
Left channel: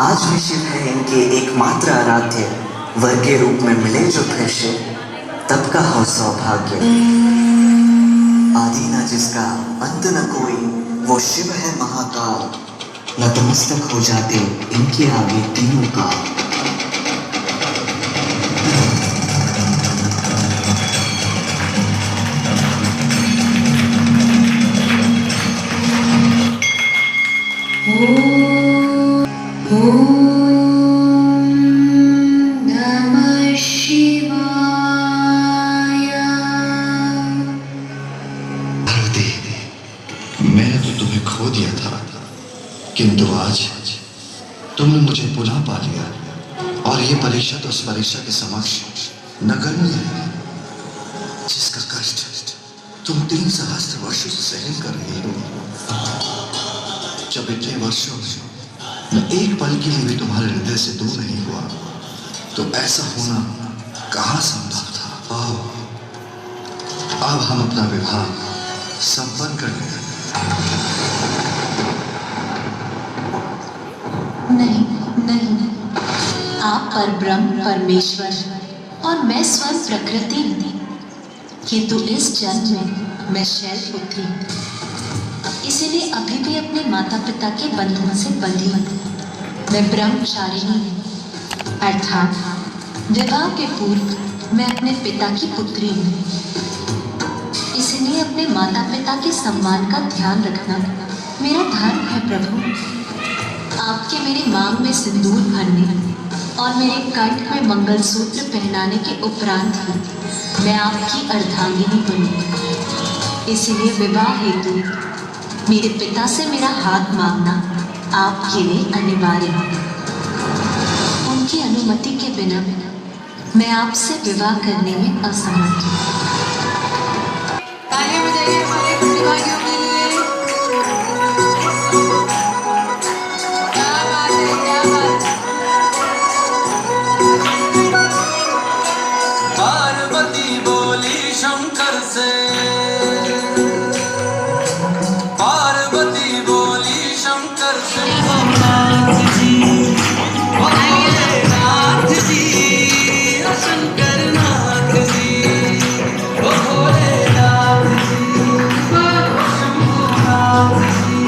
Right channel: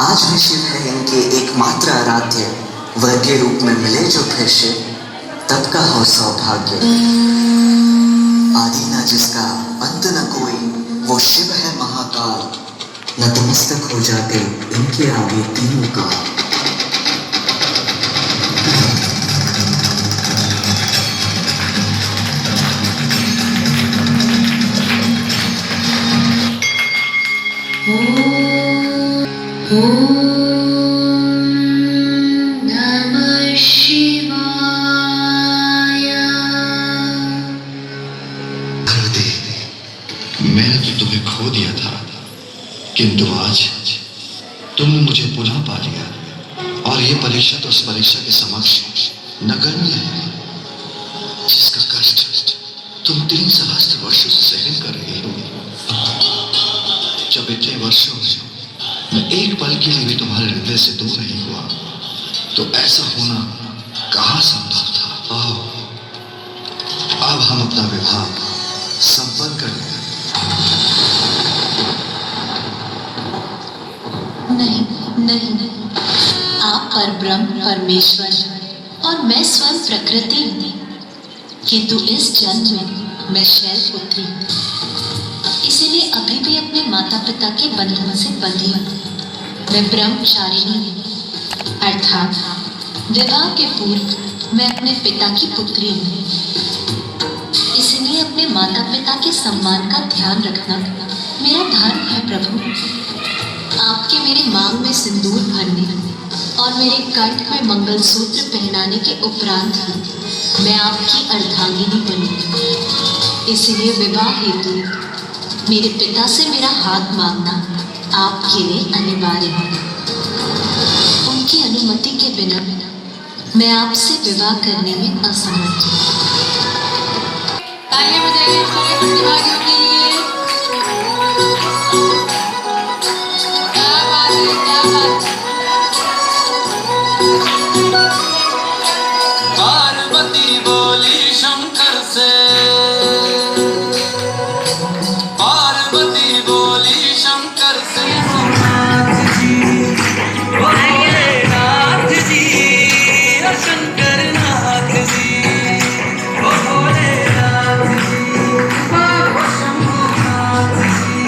आज भी शिव है इनके एकमात्र आराध्य, वर के रूप में मिले जो फिर से, तब का हो सौभाग्य। आदि न जिसका अंत न कोई, वो शिव है महाकाल, नतमस्तक हो जाते इनके आगे तीनों काल। मैंने तो तुम्हें खो दिया था, किंतु आज तुमने मुझे पुनः पा लिया, और ये परीक्षा तो उस परीक्षा के समक्ष नगण्य है, जिसका कष्ट तुम 3 सहस्त्र वर्षों से सहन कर रही हो। जब इतने वर्षों मैं एक पल के लिए भी तुम्हारे हृदय से दूर नहीं हुआ, तो ऐसा होना कहाँ संभव था। आओ, अब हम अपना विवाह संपन्न कर लें। नहीं नहीं नहीं, आप परब्रह्म परमेश्वर और मैं स्वयं प्रकृति हूँ, किंतु इस जन्म में मैं शैल पुत्री, इसीलिए अभी भी अपने माता पिता के बंधन से बंधी हूँ। मैं ब्रह्मचारिणी हूँ, अर्थात विवाह के पूर्व मैं अपने पिता की पुत्री हूँ। इसलिए अपने माता पिता के सम्मान का ध्यान रखना मेरा धर्म है प्रभु। आपके मेरे मांग में सिंदूर भरने और मेरे कंठ में मंगलसूत्र पहनाने के उपरांत ही मैं आपकी अर्धांगिनी बनी। इसलिए विवाह हेतु मेरे पिता से मेरा हाथ मांगना आपके लिए अनिवार्य है। उनकी अनुमति के बिना मैं आपसे विवाह करने में असमर्थ हूँ। तालियां बजाइए सारे प्रतिभागियों के लिए। क्या बात है, क्या बात है। पार्वती बोली शंकर से, पार्वती बोली शंकर से, नाथ जी, शंकर नाथ जी, ओ भोलेनाथ जी, ओ शंभुनाथ जी,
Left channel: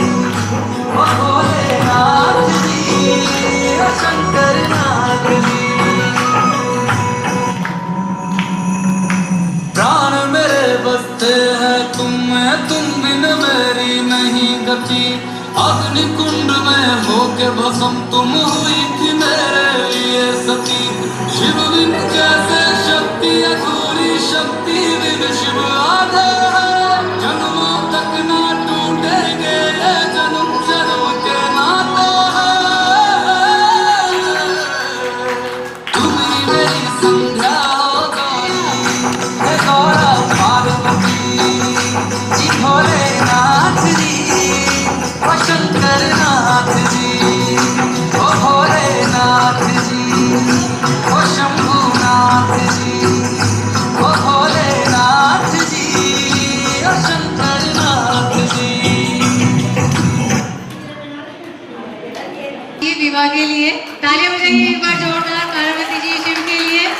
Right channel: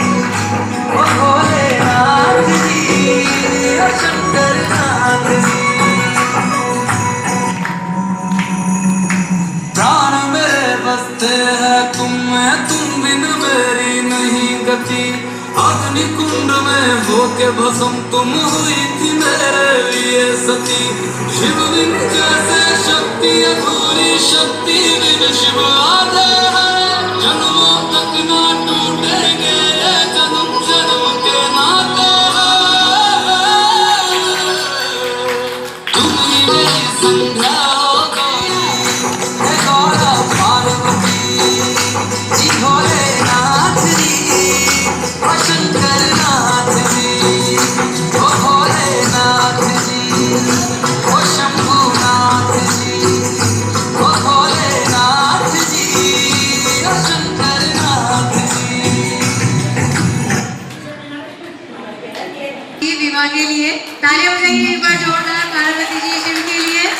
ओ भोलेनाथ जी, ओ शंकर नाथ जी। प्राण मेरे बसते हैं तुम में, तुम बिन मेरी नहीं गति। अग्नि कुंड में होके भस्म तुम हुई थी मेरे लिए सती। शिव बिन कैसे शक्ति अधूरी, शक्ति बिन शिव आधे है। जन्मों तक ना टूटेंगे ये जन्म जन्म के नाते हैं। तुम ही मेरी संध्या हो गई, हे गौरा पार्वती जी, भोलेनाथ जी, ओ शंकर नाथ जी, ओ भोलेनाथ जी, ओ शंभुनाथ जी, ओ भोलेनाथ जी, ओ शंकर नाथ जी। ये विवाह के लिए तालियां बजाइए एक बार जोरदार पार्वती जी शिव के लिए।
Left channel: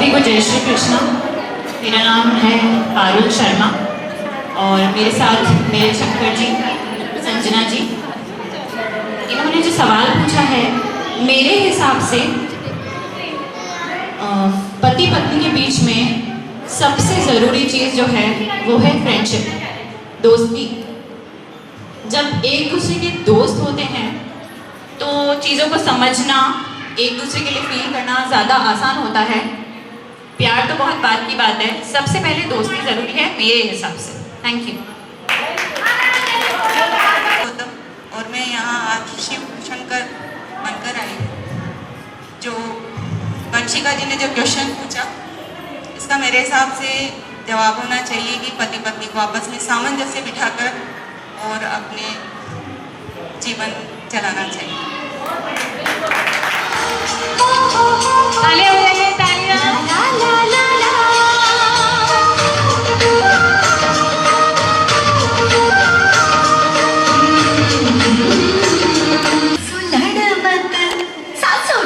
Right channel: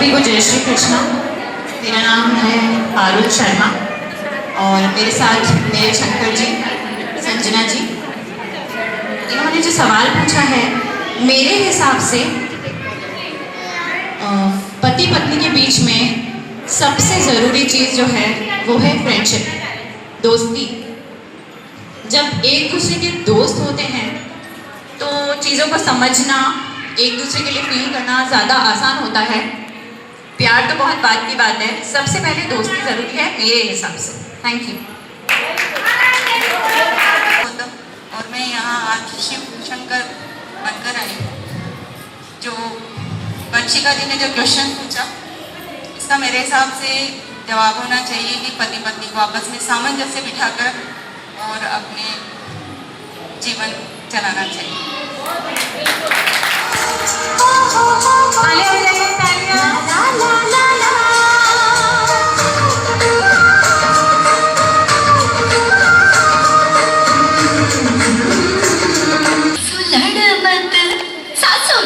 सभी को जय श्री कृष्ण। मेरा नाम है पारुल शर्मा और मेरे साथ मेरे शंकर जी, संजना जी। इन्होंने जो सवाल पूछा है, मेरे हिसाब से पति पत्नी के बीच में सबसे ज़रूरी चीज़ जो है वो है फ्रेंडशिप, दोस्ती। जब एक दूसरे के दोस्त होते हैं तो चीज़ों को समझना, एक दूसरे के लिए फील करना ज़्यादा आसान होता है। प्यार तो बहुत बात की बात है, सबसे पहले दोस्ती ज़रूरी है मेरे हिसाब से। Thank you. और मैं यहाँ आज शिव शंकर बनकर आई। जो वर्षिका जी ने जो क्वेश्चन पूछा, इसका मेरे हिसाब से जवाब होना चाहिए कि पति पत्नी को आपस में सामंजस्य बिठाकर और अपने जीवन चलाना चाहिए। तालियां बजाइए, तालियां।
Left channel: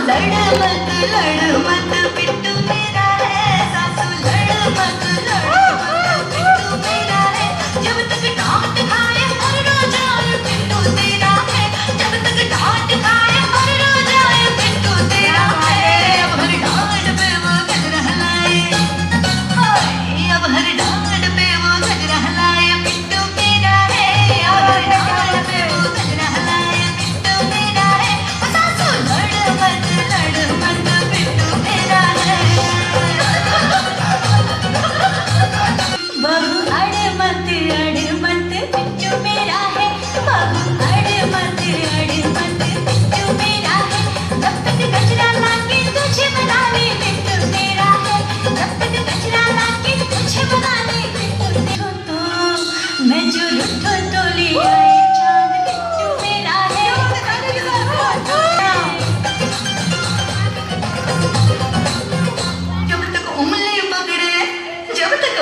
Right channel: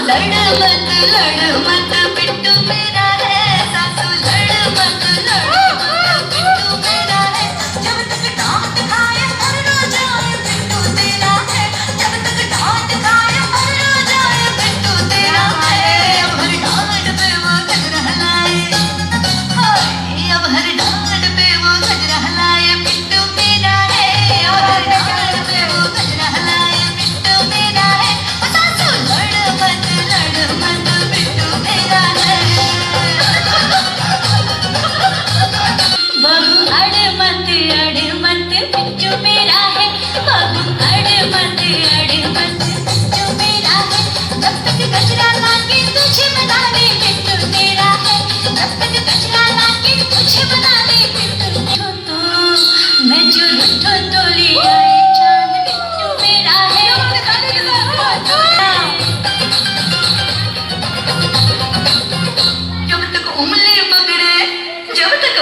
लड़ मत पिट्टू मेरा है, सासू लड़ मत पिट्टू मेरा है। जब तक डांट खाए मर जाए पिट्टू तेरा है, जब तक डांट खाए मर जाए पिट्टू तेरा है। अब हर डांट पे वो गजरा लाए, अब हर डांट पे वो गजरा लाए पिट्टू मेरा है, अब हर डांट पे वो गजरा लाए पिट्टू मेरा है। सासू लड़ मत पिट्टू मेरा है। बहू अड़ मत पिट्टू मेरा है, बहू अड़ मत पिट्टू मेरा है। जब तक गजरा लाके तुझे बनावे पिट्टू मेरा है, जब तक गजरा लाके तुझे बनावे पिट्टू तो मैं जो रुठो तो ले आए चांद पिट्टू मेरा है।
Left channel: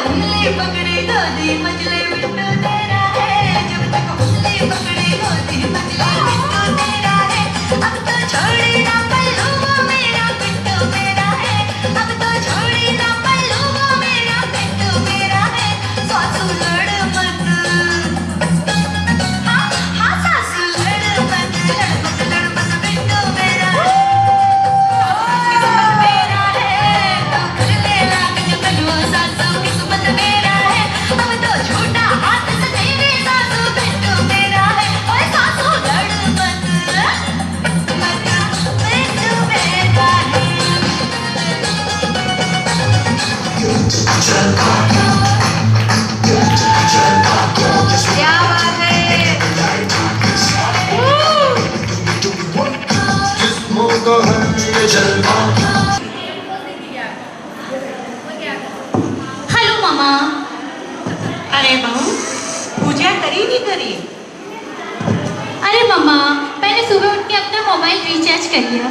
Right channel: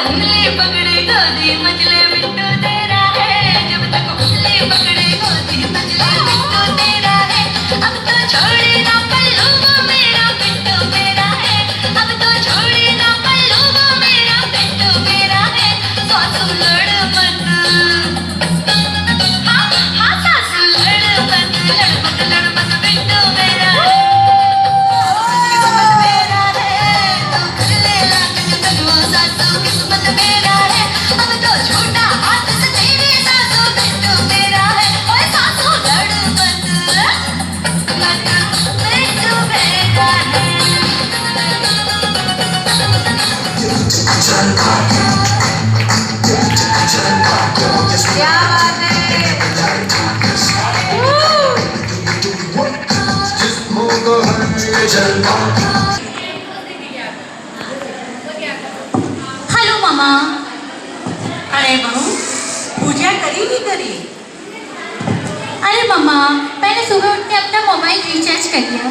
उंगली पकड़े गोदी मजले पिट्टू तेरा है, जब तक उंगली पकड़े गोदी मजले पिट्टू तेरा है। अब तो छोड़ी ना पल्लू वो मेरा पिट्टू मेरा है, अब तो छोड़ी ना पल्लू वो मेरा पिट्टू मेरा है। सासू लड़ मत, हाँ सासू लड़ मत पिट्टू मेरा है। मेरा है, अब तो छोटा हाथ से तेरे सासू पिट्टू मेरा है। ओए सासू लड़ मत पिट्टू मेरा हेलो मामा। अरे बहू, पूजा करी नहीं करी? अरे मामा, मैंने सुबह उठ के अपना मोबाइल रिचार्ज कर दिया।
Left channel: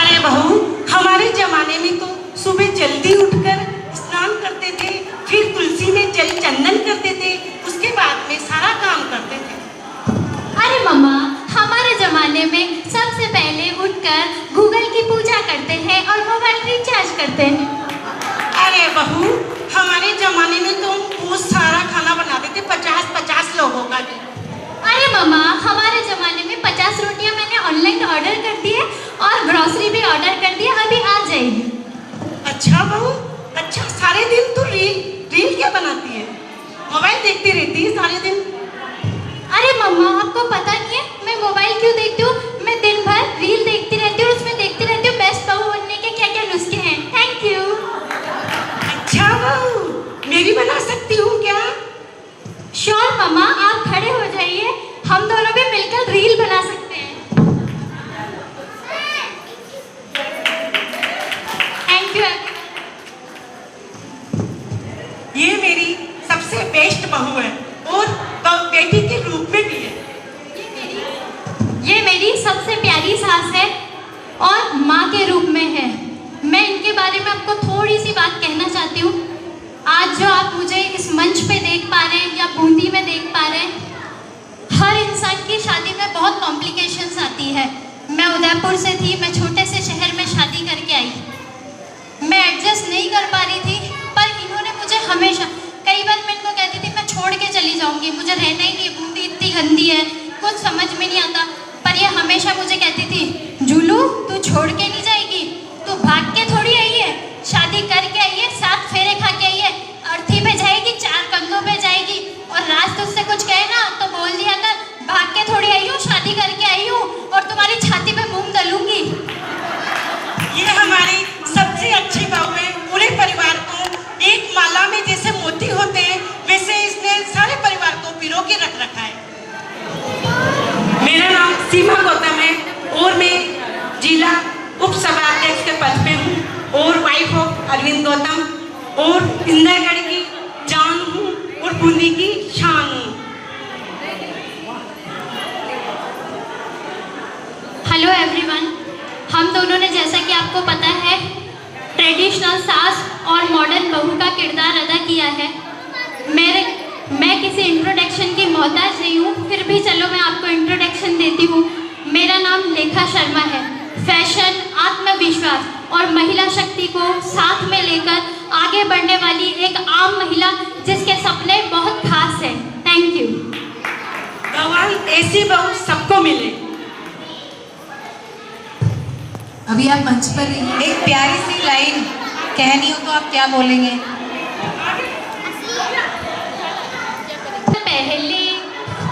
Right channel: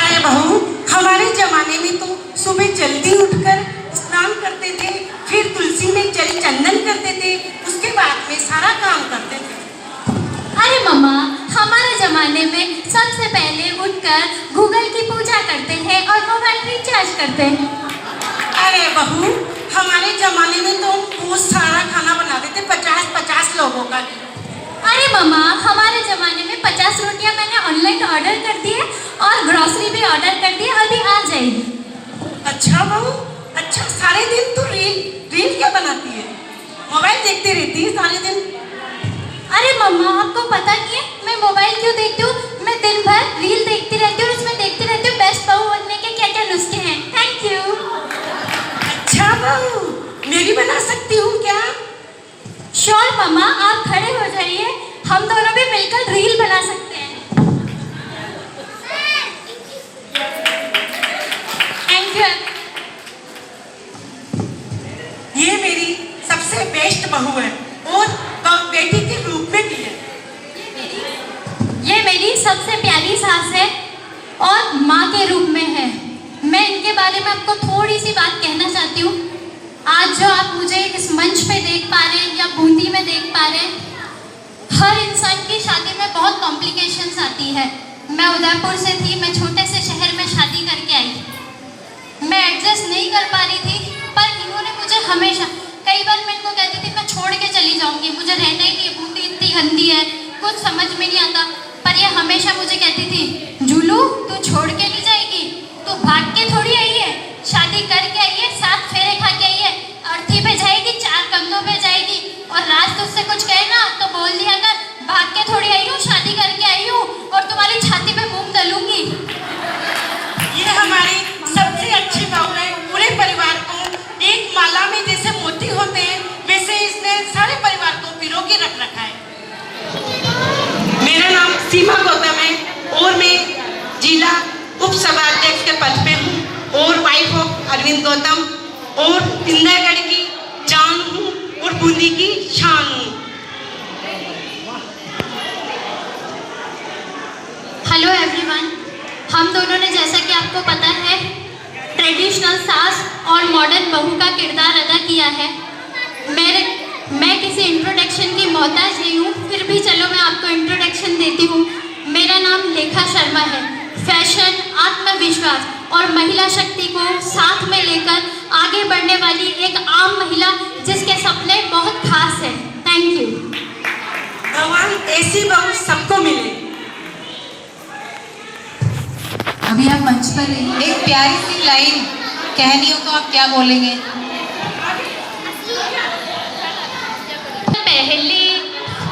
अरे बहू, हमारे जमाने में तो सुबह जल्दी उठकर स्नान करते थे, फिर तुलसी में जल चंदन करते थे, उसके बाद में सारा काम करते थे। अरे मामा, हमारे जमाने में सबसे पहले उठकर गूगल की पूजा करते हैं और मोबाइल रिचार्ज करते हैं। अरे बहू, हमारे जमाने में तो बहुत सारा खाना बनाते थे, 50-50 लोगों का। अरे मामा, हमारे जमाने में 50 रोटियां मैंने ऑनलाइन ऑर्डर कर दी है और ग्रोसरी भी ऑर्डर कर दी है, अभी आ जाएगी। अच्छा बहू, अच्छा। सारे दिन तू रील क्या बनाती है? मोबाइल देखती रहती है सारे दिन? अरे मम्मा, आपको पता नहीं है मैं मोबाइल क्यों देखती हूँ? मैं दिन भर रील देखती रहती हूँ, उसमें देखती रहती हूँ बेस्ट बहू बनने के क्या क्या नुस्खे हैं। Thank you. अच्छा बहू, मेरी बना सकती हूँ क्या? श्योर मम्मा, आप खड़े हो जाइए, हम दोनों भी मिलकर रील बना सकते हैं। Thank you. ये मेरी सबसे बेस्ट बहू है और बेटी के रूप में भी है। ये मेरी सबसे प्यारी सास है और माँ के रूप में है। मैं इनके बारे में आपको थोड़ी सी बात कहना चाहती हूँ। आज जो आप मुझे इस मंच पे देख पा रहे हैं या बूंदी में देख पा रहे हैं, हर इंसान की शादी में बहुत कॉम्प्लिकेशंस आती है। मैं उदयपुर से थी, मैं छोटे से शहर में शादी करके आई। मैं एडजस्ट नहीं कर पा रही थी, पर इन्होंने मुझे हमेशा, कई बार मैं इनको कहती थी मैं छोड़ के चली जाऊंगी, मुझे रहना ही नहीं, बूंदी इतनी गंदी है, कुछ समझ में नहीं आता, पर ये हमेशा मुझे कहती थी जूलू तू छोड़ के नहीं जाएगी, तू भाग के थोड़ी आई है, शादी करके आई है, 7 फेरे खा के आई है, अर्थी पे जाएगी, 4 कंधों पे जाएगी, और राज तुझसे कुछ कहे ना तो बोल दिया कर भाग के थोड़ी आई हूँ, शादी करके आई हूँ और तुम्हारी छाती पे मूंग दलूंगी। ये हमारी सबसे अच्छी बात है। पूरे परिवार को एक माला में जैसे मोती होते हैं वैसे इसने सारे परिवार को पिरो के रख रखा है। मेरा नाम सीमा गौतम है और मैं जिला उप सभाध्यक्ष के पद पे हूँ और वाइफ ऑफ अरविंद गौतम और इंदरगढ़ की जान हूँ और बूंदी की शान हूँ। हेलो एवरीवन, हम दोनों ने जैसा कि आपको पता है ट्रेडिशनल सास और मॉडर्न बहू का किरदार अदा किया है। मैं किसी इंट्रोडक्शन की मोहताज नहीं हूँ, फिर भी चलो मैं आपको इंट्रोडक्शन देती हूँ। मेरा नाम लेखा शर्मा है। फैशन, आत्मविश्वास और महिला शक्ति को साथ में लेकर आगे बढ़ने वाली एक आम महिला जिसके सपने बहुत खास हैं। Thank you. भगवान ऐसी बहू सबको मिले। अभी आप मंच पर रहिए, एक प्यारी सी लाइन कहनी हो तो आप क्या बोलेंगे? पहली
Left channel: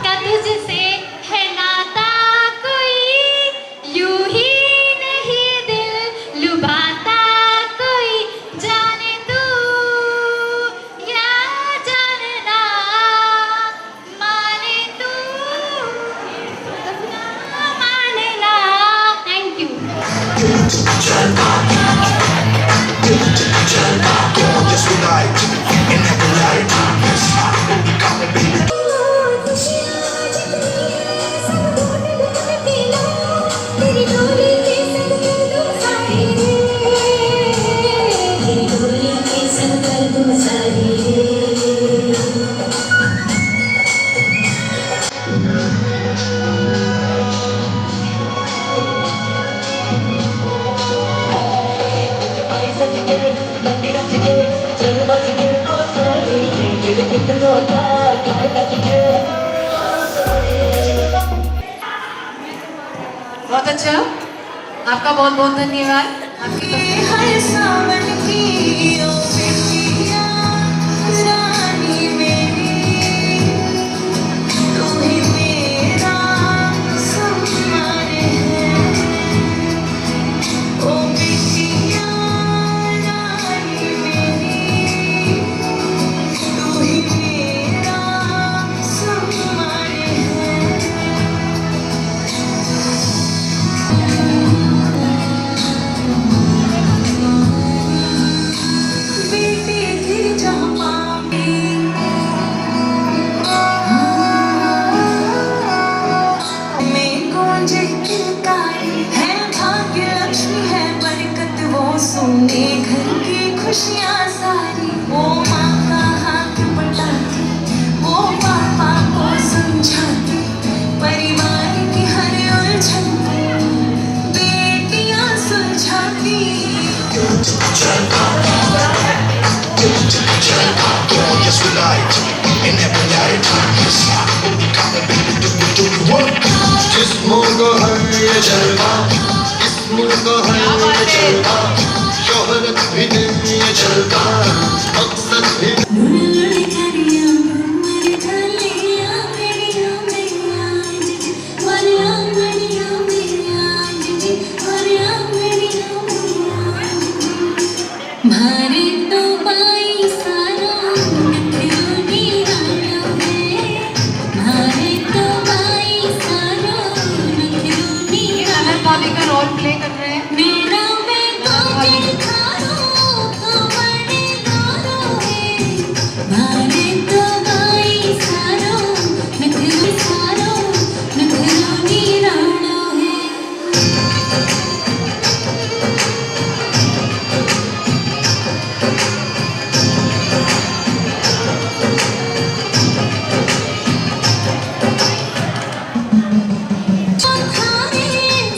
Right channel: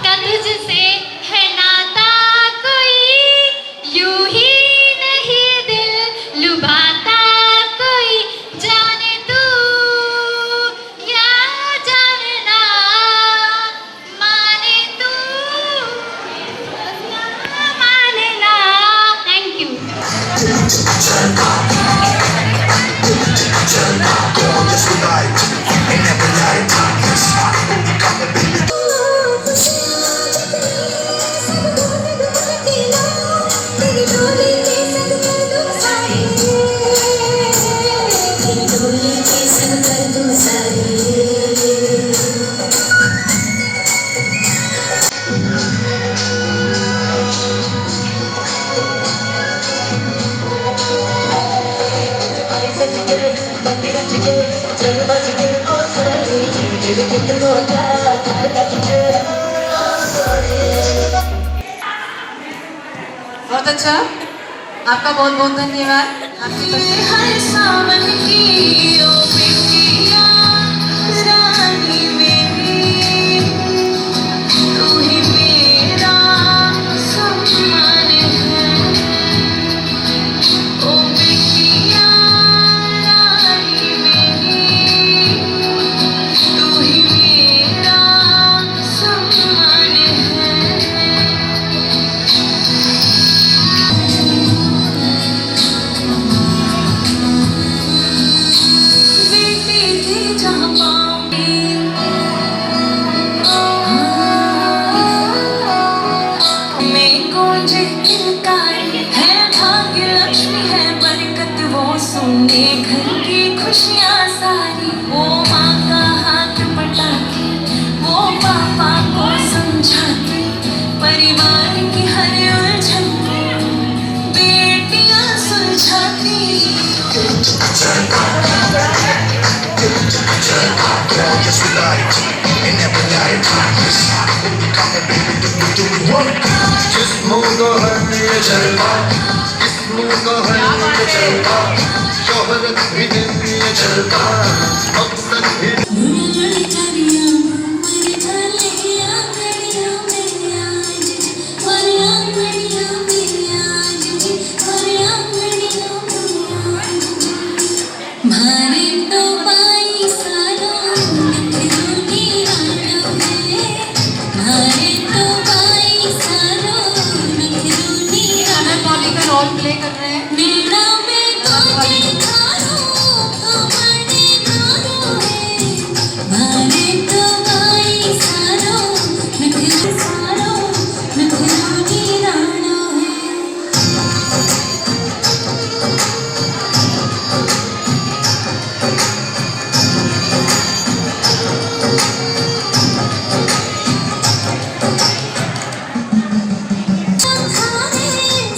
का तुझसे है नाता कोई, यूं ही नहीं दिल लुभाता कोई, जाने तू या जानना, माने तू या मानना। Thank you. बहुत अच्छा, आपका बहुत बहुत धन्यवाद। आपकी खुशियाँ सारी वो माँ का हाथ पटाती, वो पापा को समझाती, परिवार की हर उलझन को बेटियाँ सुलझाती। शोहरत भी दुनिया चलता, मकसद भी रोल प्ले कर रहे हैं।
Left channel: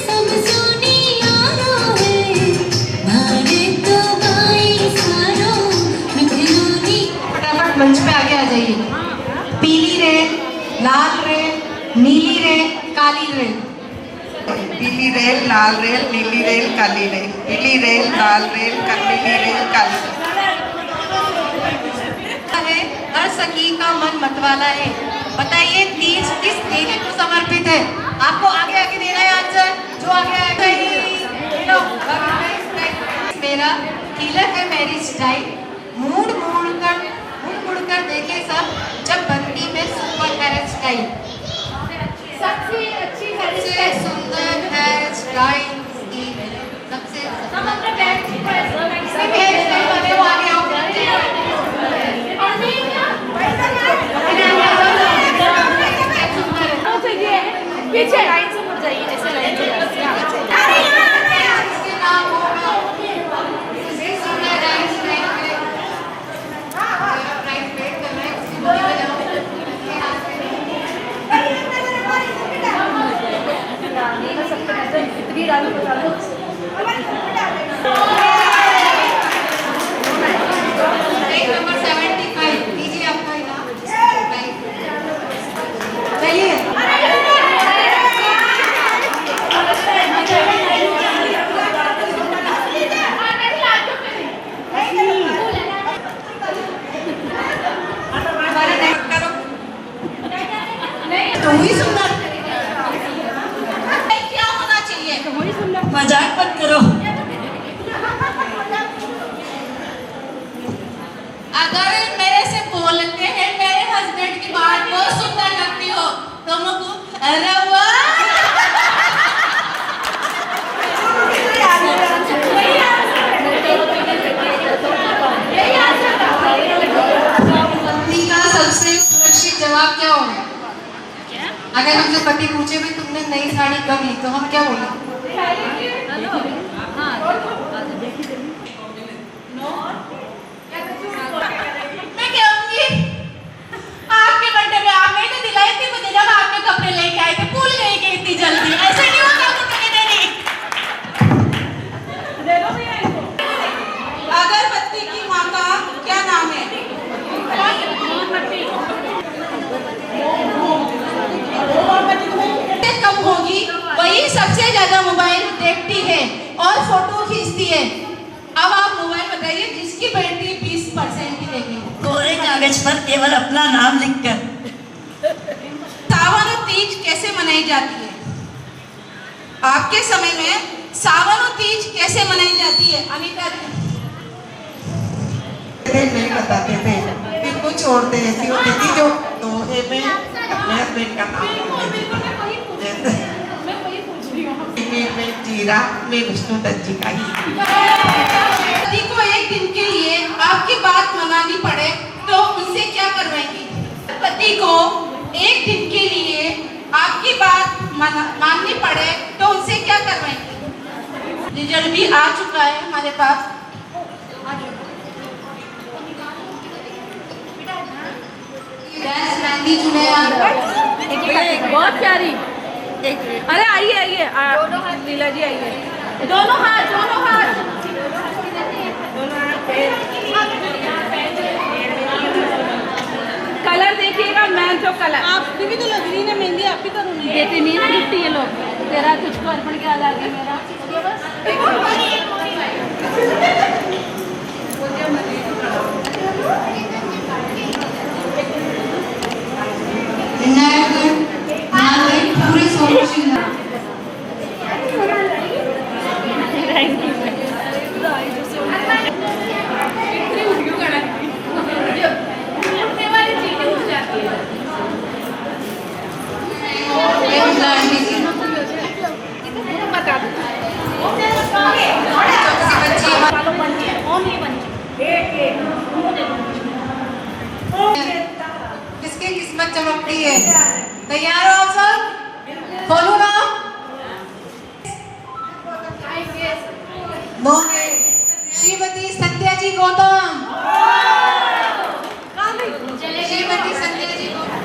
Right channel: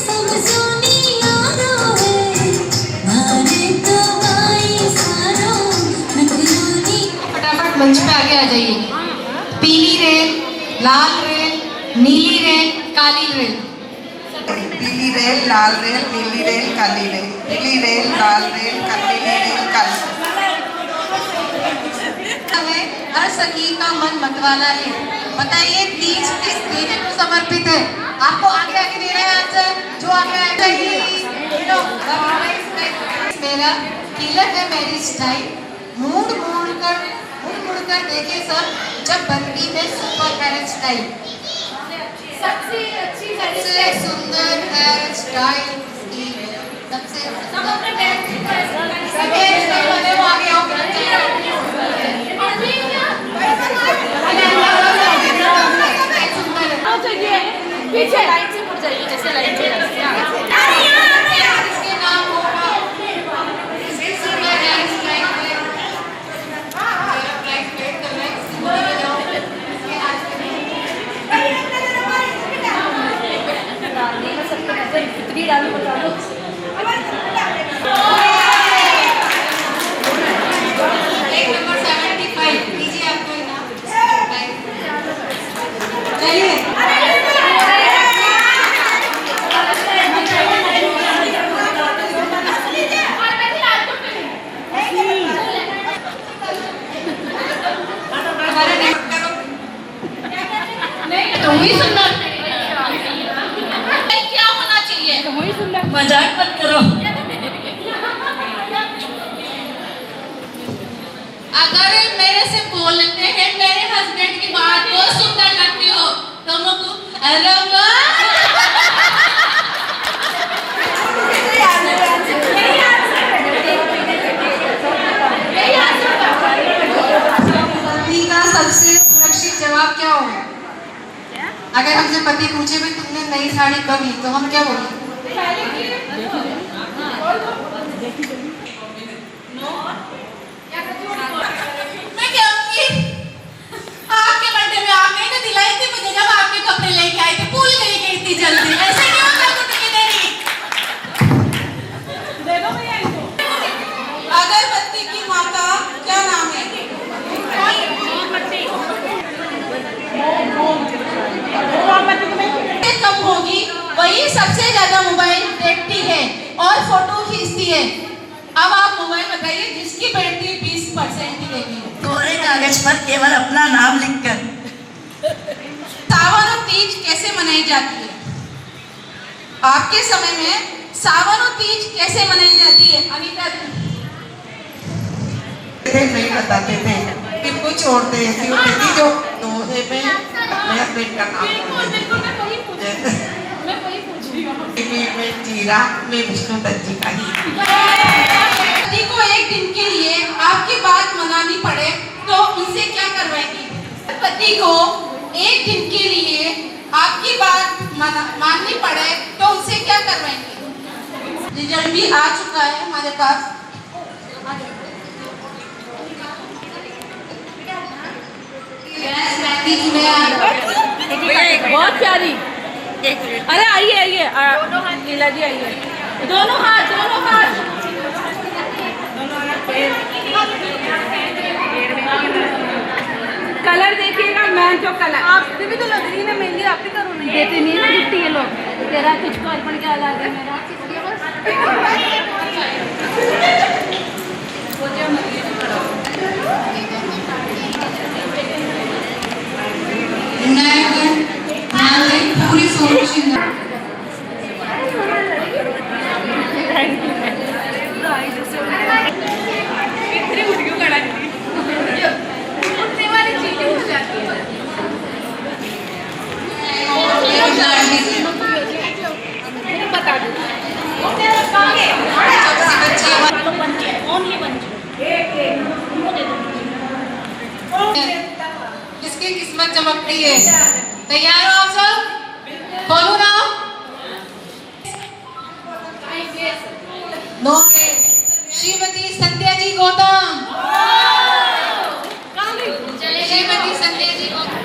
सब सोनिया रो है। मंच पे आगे आ जाइए। पीली रेल, लाल रेल, नीली रेल, काली रेल। पीली रेल, लाल रेल, नीली रेल, काली रेल। पीली रेल, लाल रेल, नीली रेल, काली रेल। हर संगीत का मन मतवाला है। बताइए तीज किस देवी को समर्पित है? आपको आगे आके देना है आंसर। जो आगे आएगा मेरा किलर है मेरी स्टाइल। मुड़ मुड़ कर देखे सब जब बनती में सुपर हेयर स्टाइल। सबसे अच्छी सबसे सुंदर हेयर स्टाइल, सबसे हेयर स्टाइल वाले वो आगे आओ। पीछे लाइन से मुड़ जाइए, जैसे लाइन से इसके नाम होगा इसके सुंदर हेयर स्टाइल पे मेरा प्राइस वेट कर रहा है। इसकी बोली में जाओ इसके हाथ से डालने में सबको नजर कितनी डालू बता दो। एक नंबर 75 लीजिए आपका इनाम। चलिए तो वही सुंदर क्या होना चाहिए? मजाक मत करो। अगर मेरे से बोलते हैं मेरे हस्बैंड की बात बहुत सुंदर लगती हो तो मुझको अरे वाह का सबसे सुरक्षित जवाब क्या होगा? अगर हमसे पति पूछे भी तुमने नई साड़ी कब ली तो हम क्या बोलें? मैं कहूँगी आपके बर्थडे में आपने तो दिलाई थी मुझे जब आपके कपड़े लेके आई थे, भूल गई कि इतनी जल्दी ऐसे नहीं होता कुछ नहीं। अगरबत्ती की माँ का क्या नाम है? कम होगी वही सबसे ज्यादा मोबाइल देखती है और फोटो खींचती है। अब आप मोबाइल बताइए जिसकी बैटरी 20% ही रहेगी। कोरे कागज पर केवल अपना नाम लिखकर। सावन और तीज कैसे मनाई जाती है? आपके समय में सावन और तीज कैसे मनाई जाती है? अनीता जी नहीं बताते थे कि कुछ औरतें ऐसी होती थी जो दोहे में अपने हस्बैंड का नाम बोलती थी। में जीरा में विष्णु दत्त जी का ही। पति को एक दिन के लिए आपकी बात मनानी पड़े तो उनसे क्या करवाएंगी? पति को एक दिन के लिए आपकी बात माननी पड़े तो उनसे क्या करवाएंगी? रिजल्ट भी आ चुका है हमारे पास। बहुत प्यारी। अरे आइए आइए लीला जी आइए। दोनों हाथ कलर देखिएगा। मैं जो कलर आप भी तो लग रही ना मेहंदी आप ही करो। नहीं देते नहीं ना गिफ्ट ये लोग। तेरा तुझको अर्पण क्या लगा है मेरा पूरी सोच किसकी किस्मत चमकती है? तैयार हो आप सब? खोलो ना। श्रीमती संध्या जी गौतम। श्रीमती संध्या जी गौतम।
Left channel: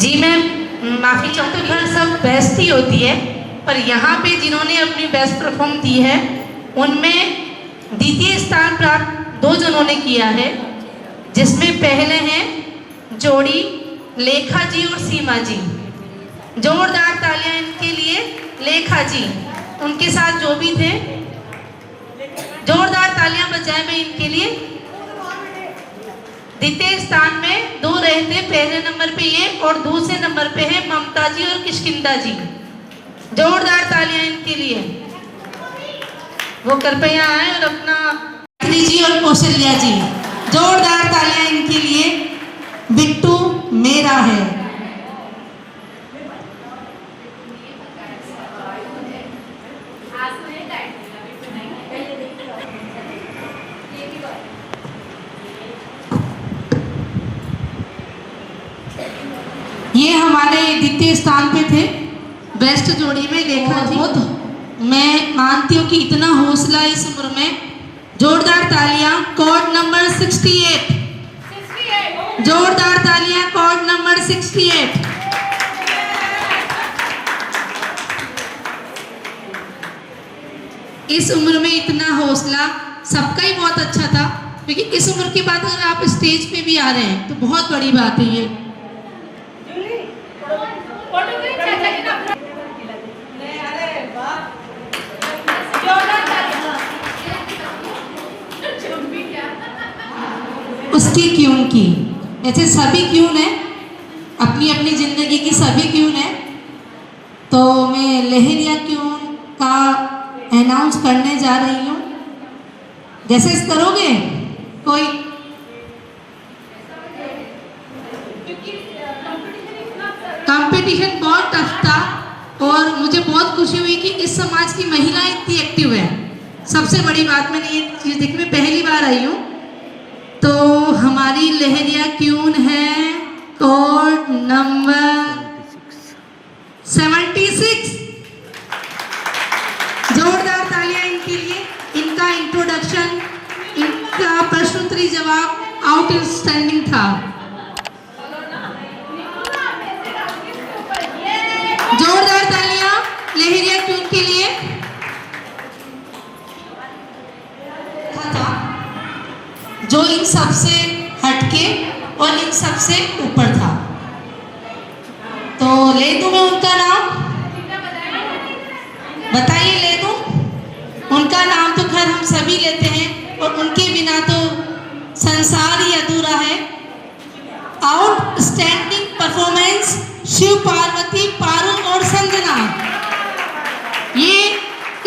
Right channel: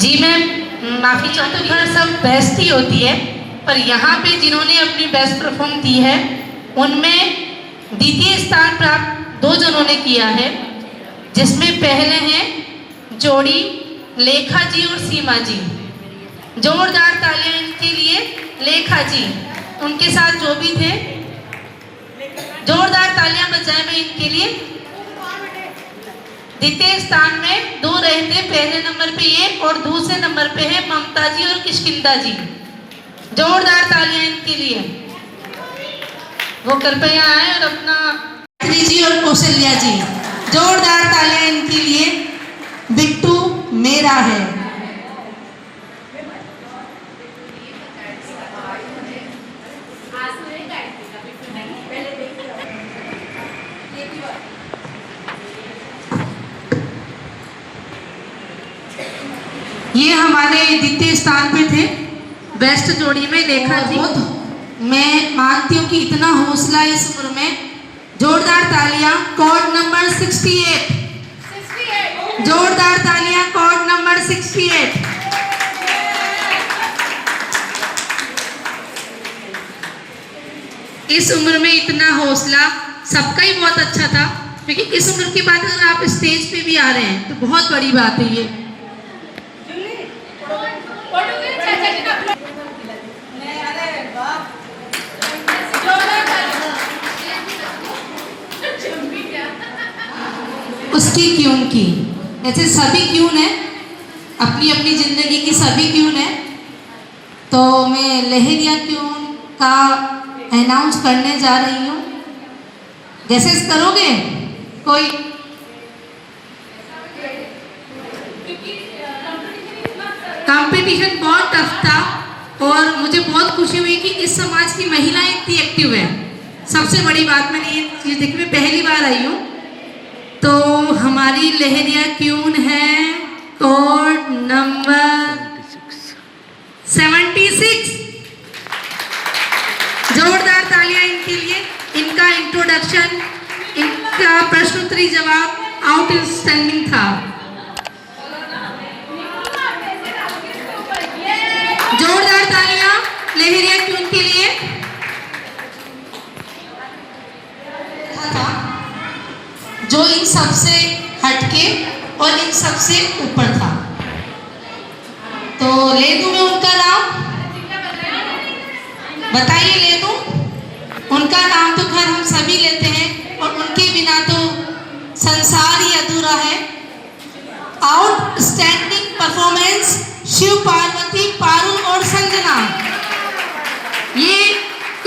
जी मैम, माफी चाहती हूँ, सब बेस्ट ही होती है पर यहाँ पे जिन्होंने अपनी बेस्ट परफॉर्म दी है उनमें द्वितीय स्थान प्राप्त 2 जनों ने किया है, जिसमें पहले हैं जोड़ी लेखा जी और सीमा जी। जोरदार तालियां इनके लिए। लेखा जी, उनके साथ जो भी थे, जोरदार तालियां बजाएं मैं इनके लिए। द्वितीय स्थान में 2 रहे थे, पहले नंबर पे ये और दूसरे नंबर पे है ममता जी और किष्किंधा जी। जोरदार तालियां इनके लिए। वो कृपया आए और अपना जी और कौशल्या जी, जोरदार तालियां इनके लिए। बिट्टू मेरा है। ये हमारे द्वितीय स्थान पे थे बेस्ट जोड़ी में लेखा जी। मैं मानती हूँ कि इतना हौसला इस उम्र में। जोरदार तालियां। Code number 68। जोरदार तालियां। Code number 68। इस उम्र में इतना हौसला सबका ही बहुत अच्छा था, क्योंकि इस उम्र के बाद अगर आप स्टेज पे भी आ रहे हैं तो बहुत बड़ी बात है ये। उसकी क्यों की, ऐसे सभी क्यों है, अपनी अपनी जिंदगी की सभी क्यों है। तो मैं लहरिया क्यों का अनाउंस करने जा रही हूँ। जैसे करोगे कोई कंपटीशन बहुत टफ था और मुझे बहुत खुशी हुई कि इस समाज की महिलाएं इतनी एक्टिव है। सबसे बड़ी बात मैंने ये चीज देखी, मैं पहली बार आई हूँ। तो हमारी लहरिया क्यून है कोड नंबर 76। जोरदार तालियां इनके लिए। इनका इंट्रोडक्शन, इनका प्रश्नोत्तरी जवाब आउटस्टैंडिंग था। जोरदार तालियां लहरिया क्यून के लिए। जो इन सबसे हटके और इन सबसे ऊपर था। तो ले दूं मैं उनका नाम, बताइए ले दूं उनका नाम। तो खैर हम सभी लेते हैं और उनके बिना तो संसार ही अधूरा है। आउटस्टैंडिंग परफॉर्मेंस शिव पार्वती, पारुल और संजना, ये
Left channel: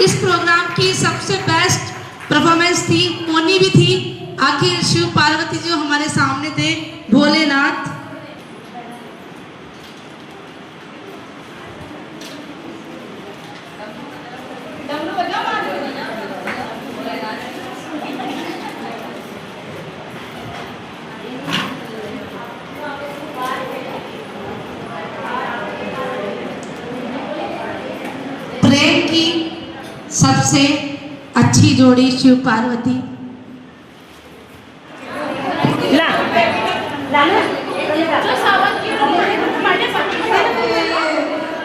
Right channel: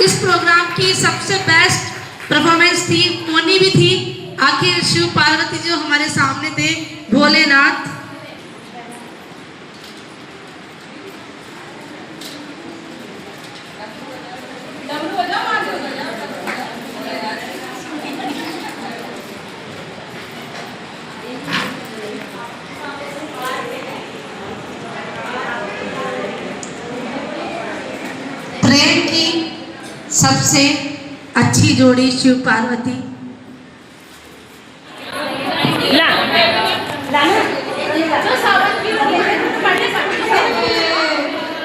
इस प्रोग्राम की सबसे बेस्ट परफॉर्मेंस थी। मोनी भी थी। आखिर शिव पार्वती जो हमारे सामने थे, भोलेनाथ। प्रेम की सबसे अच्छी जोड़ी शिव पार्वती।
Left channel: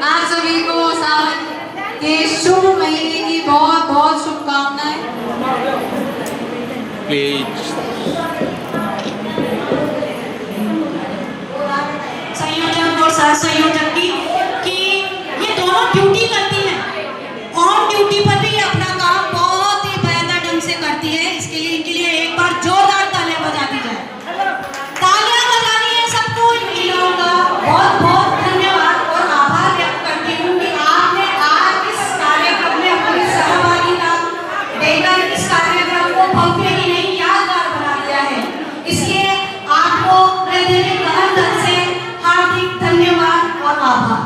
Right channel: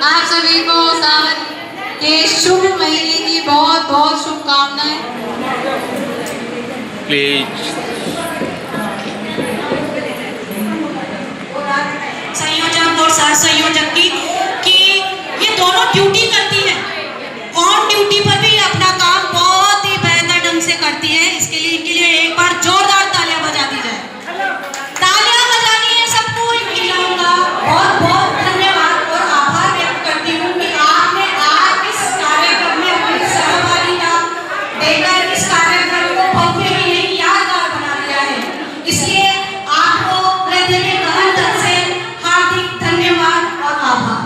आप सभी को सावन के शुभ महीने की बहुत बहुत शुभकामनाएं। प्लीज संयोजक और सह संयोजक की कि ये दोनों ड्यूटी करती हैं। ऑन ड्यूटी पर भी अपना काम बहुत ही बेहतर ढंग से करती है। इसके लिए इनके लिए एक बार जोरदार तालियां बजा दी जाए। तालियां बजानी है सबको। महिलाओं का बहुत बहुत धन्यवाद और आभार व्यक्त करती हूँ कि आपने आज इस कार्यक्रम में अपनी सहभागिता देकर इस कार्यक्रम को भव्य ही नहीं यादगार बना दिया है। इसलिए आपको हृदय के गहन से हार्दिक धन्यवाद और आभार।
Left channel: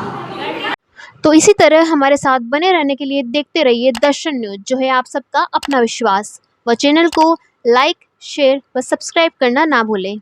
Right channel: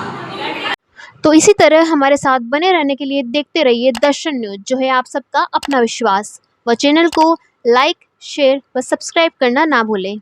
तो इसी तरह हमारे साथ बने रहने के लिए देखते रहिए दर्शन न्यूज, जो है आप सबका अपना विश्वास। व चैनल को लाइक, शेयर व सब्सक्राइब करना ना भूलें।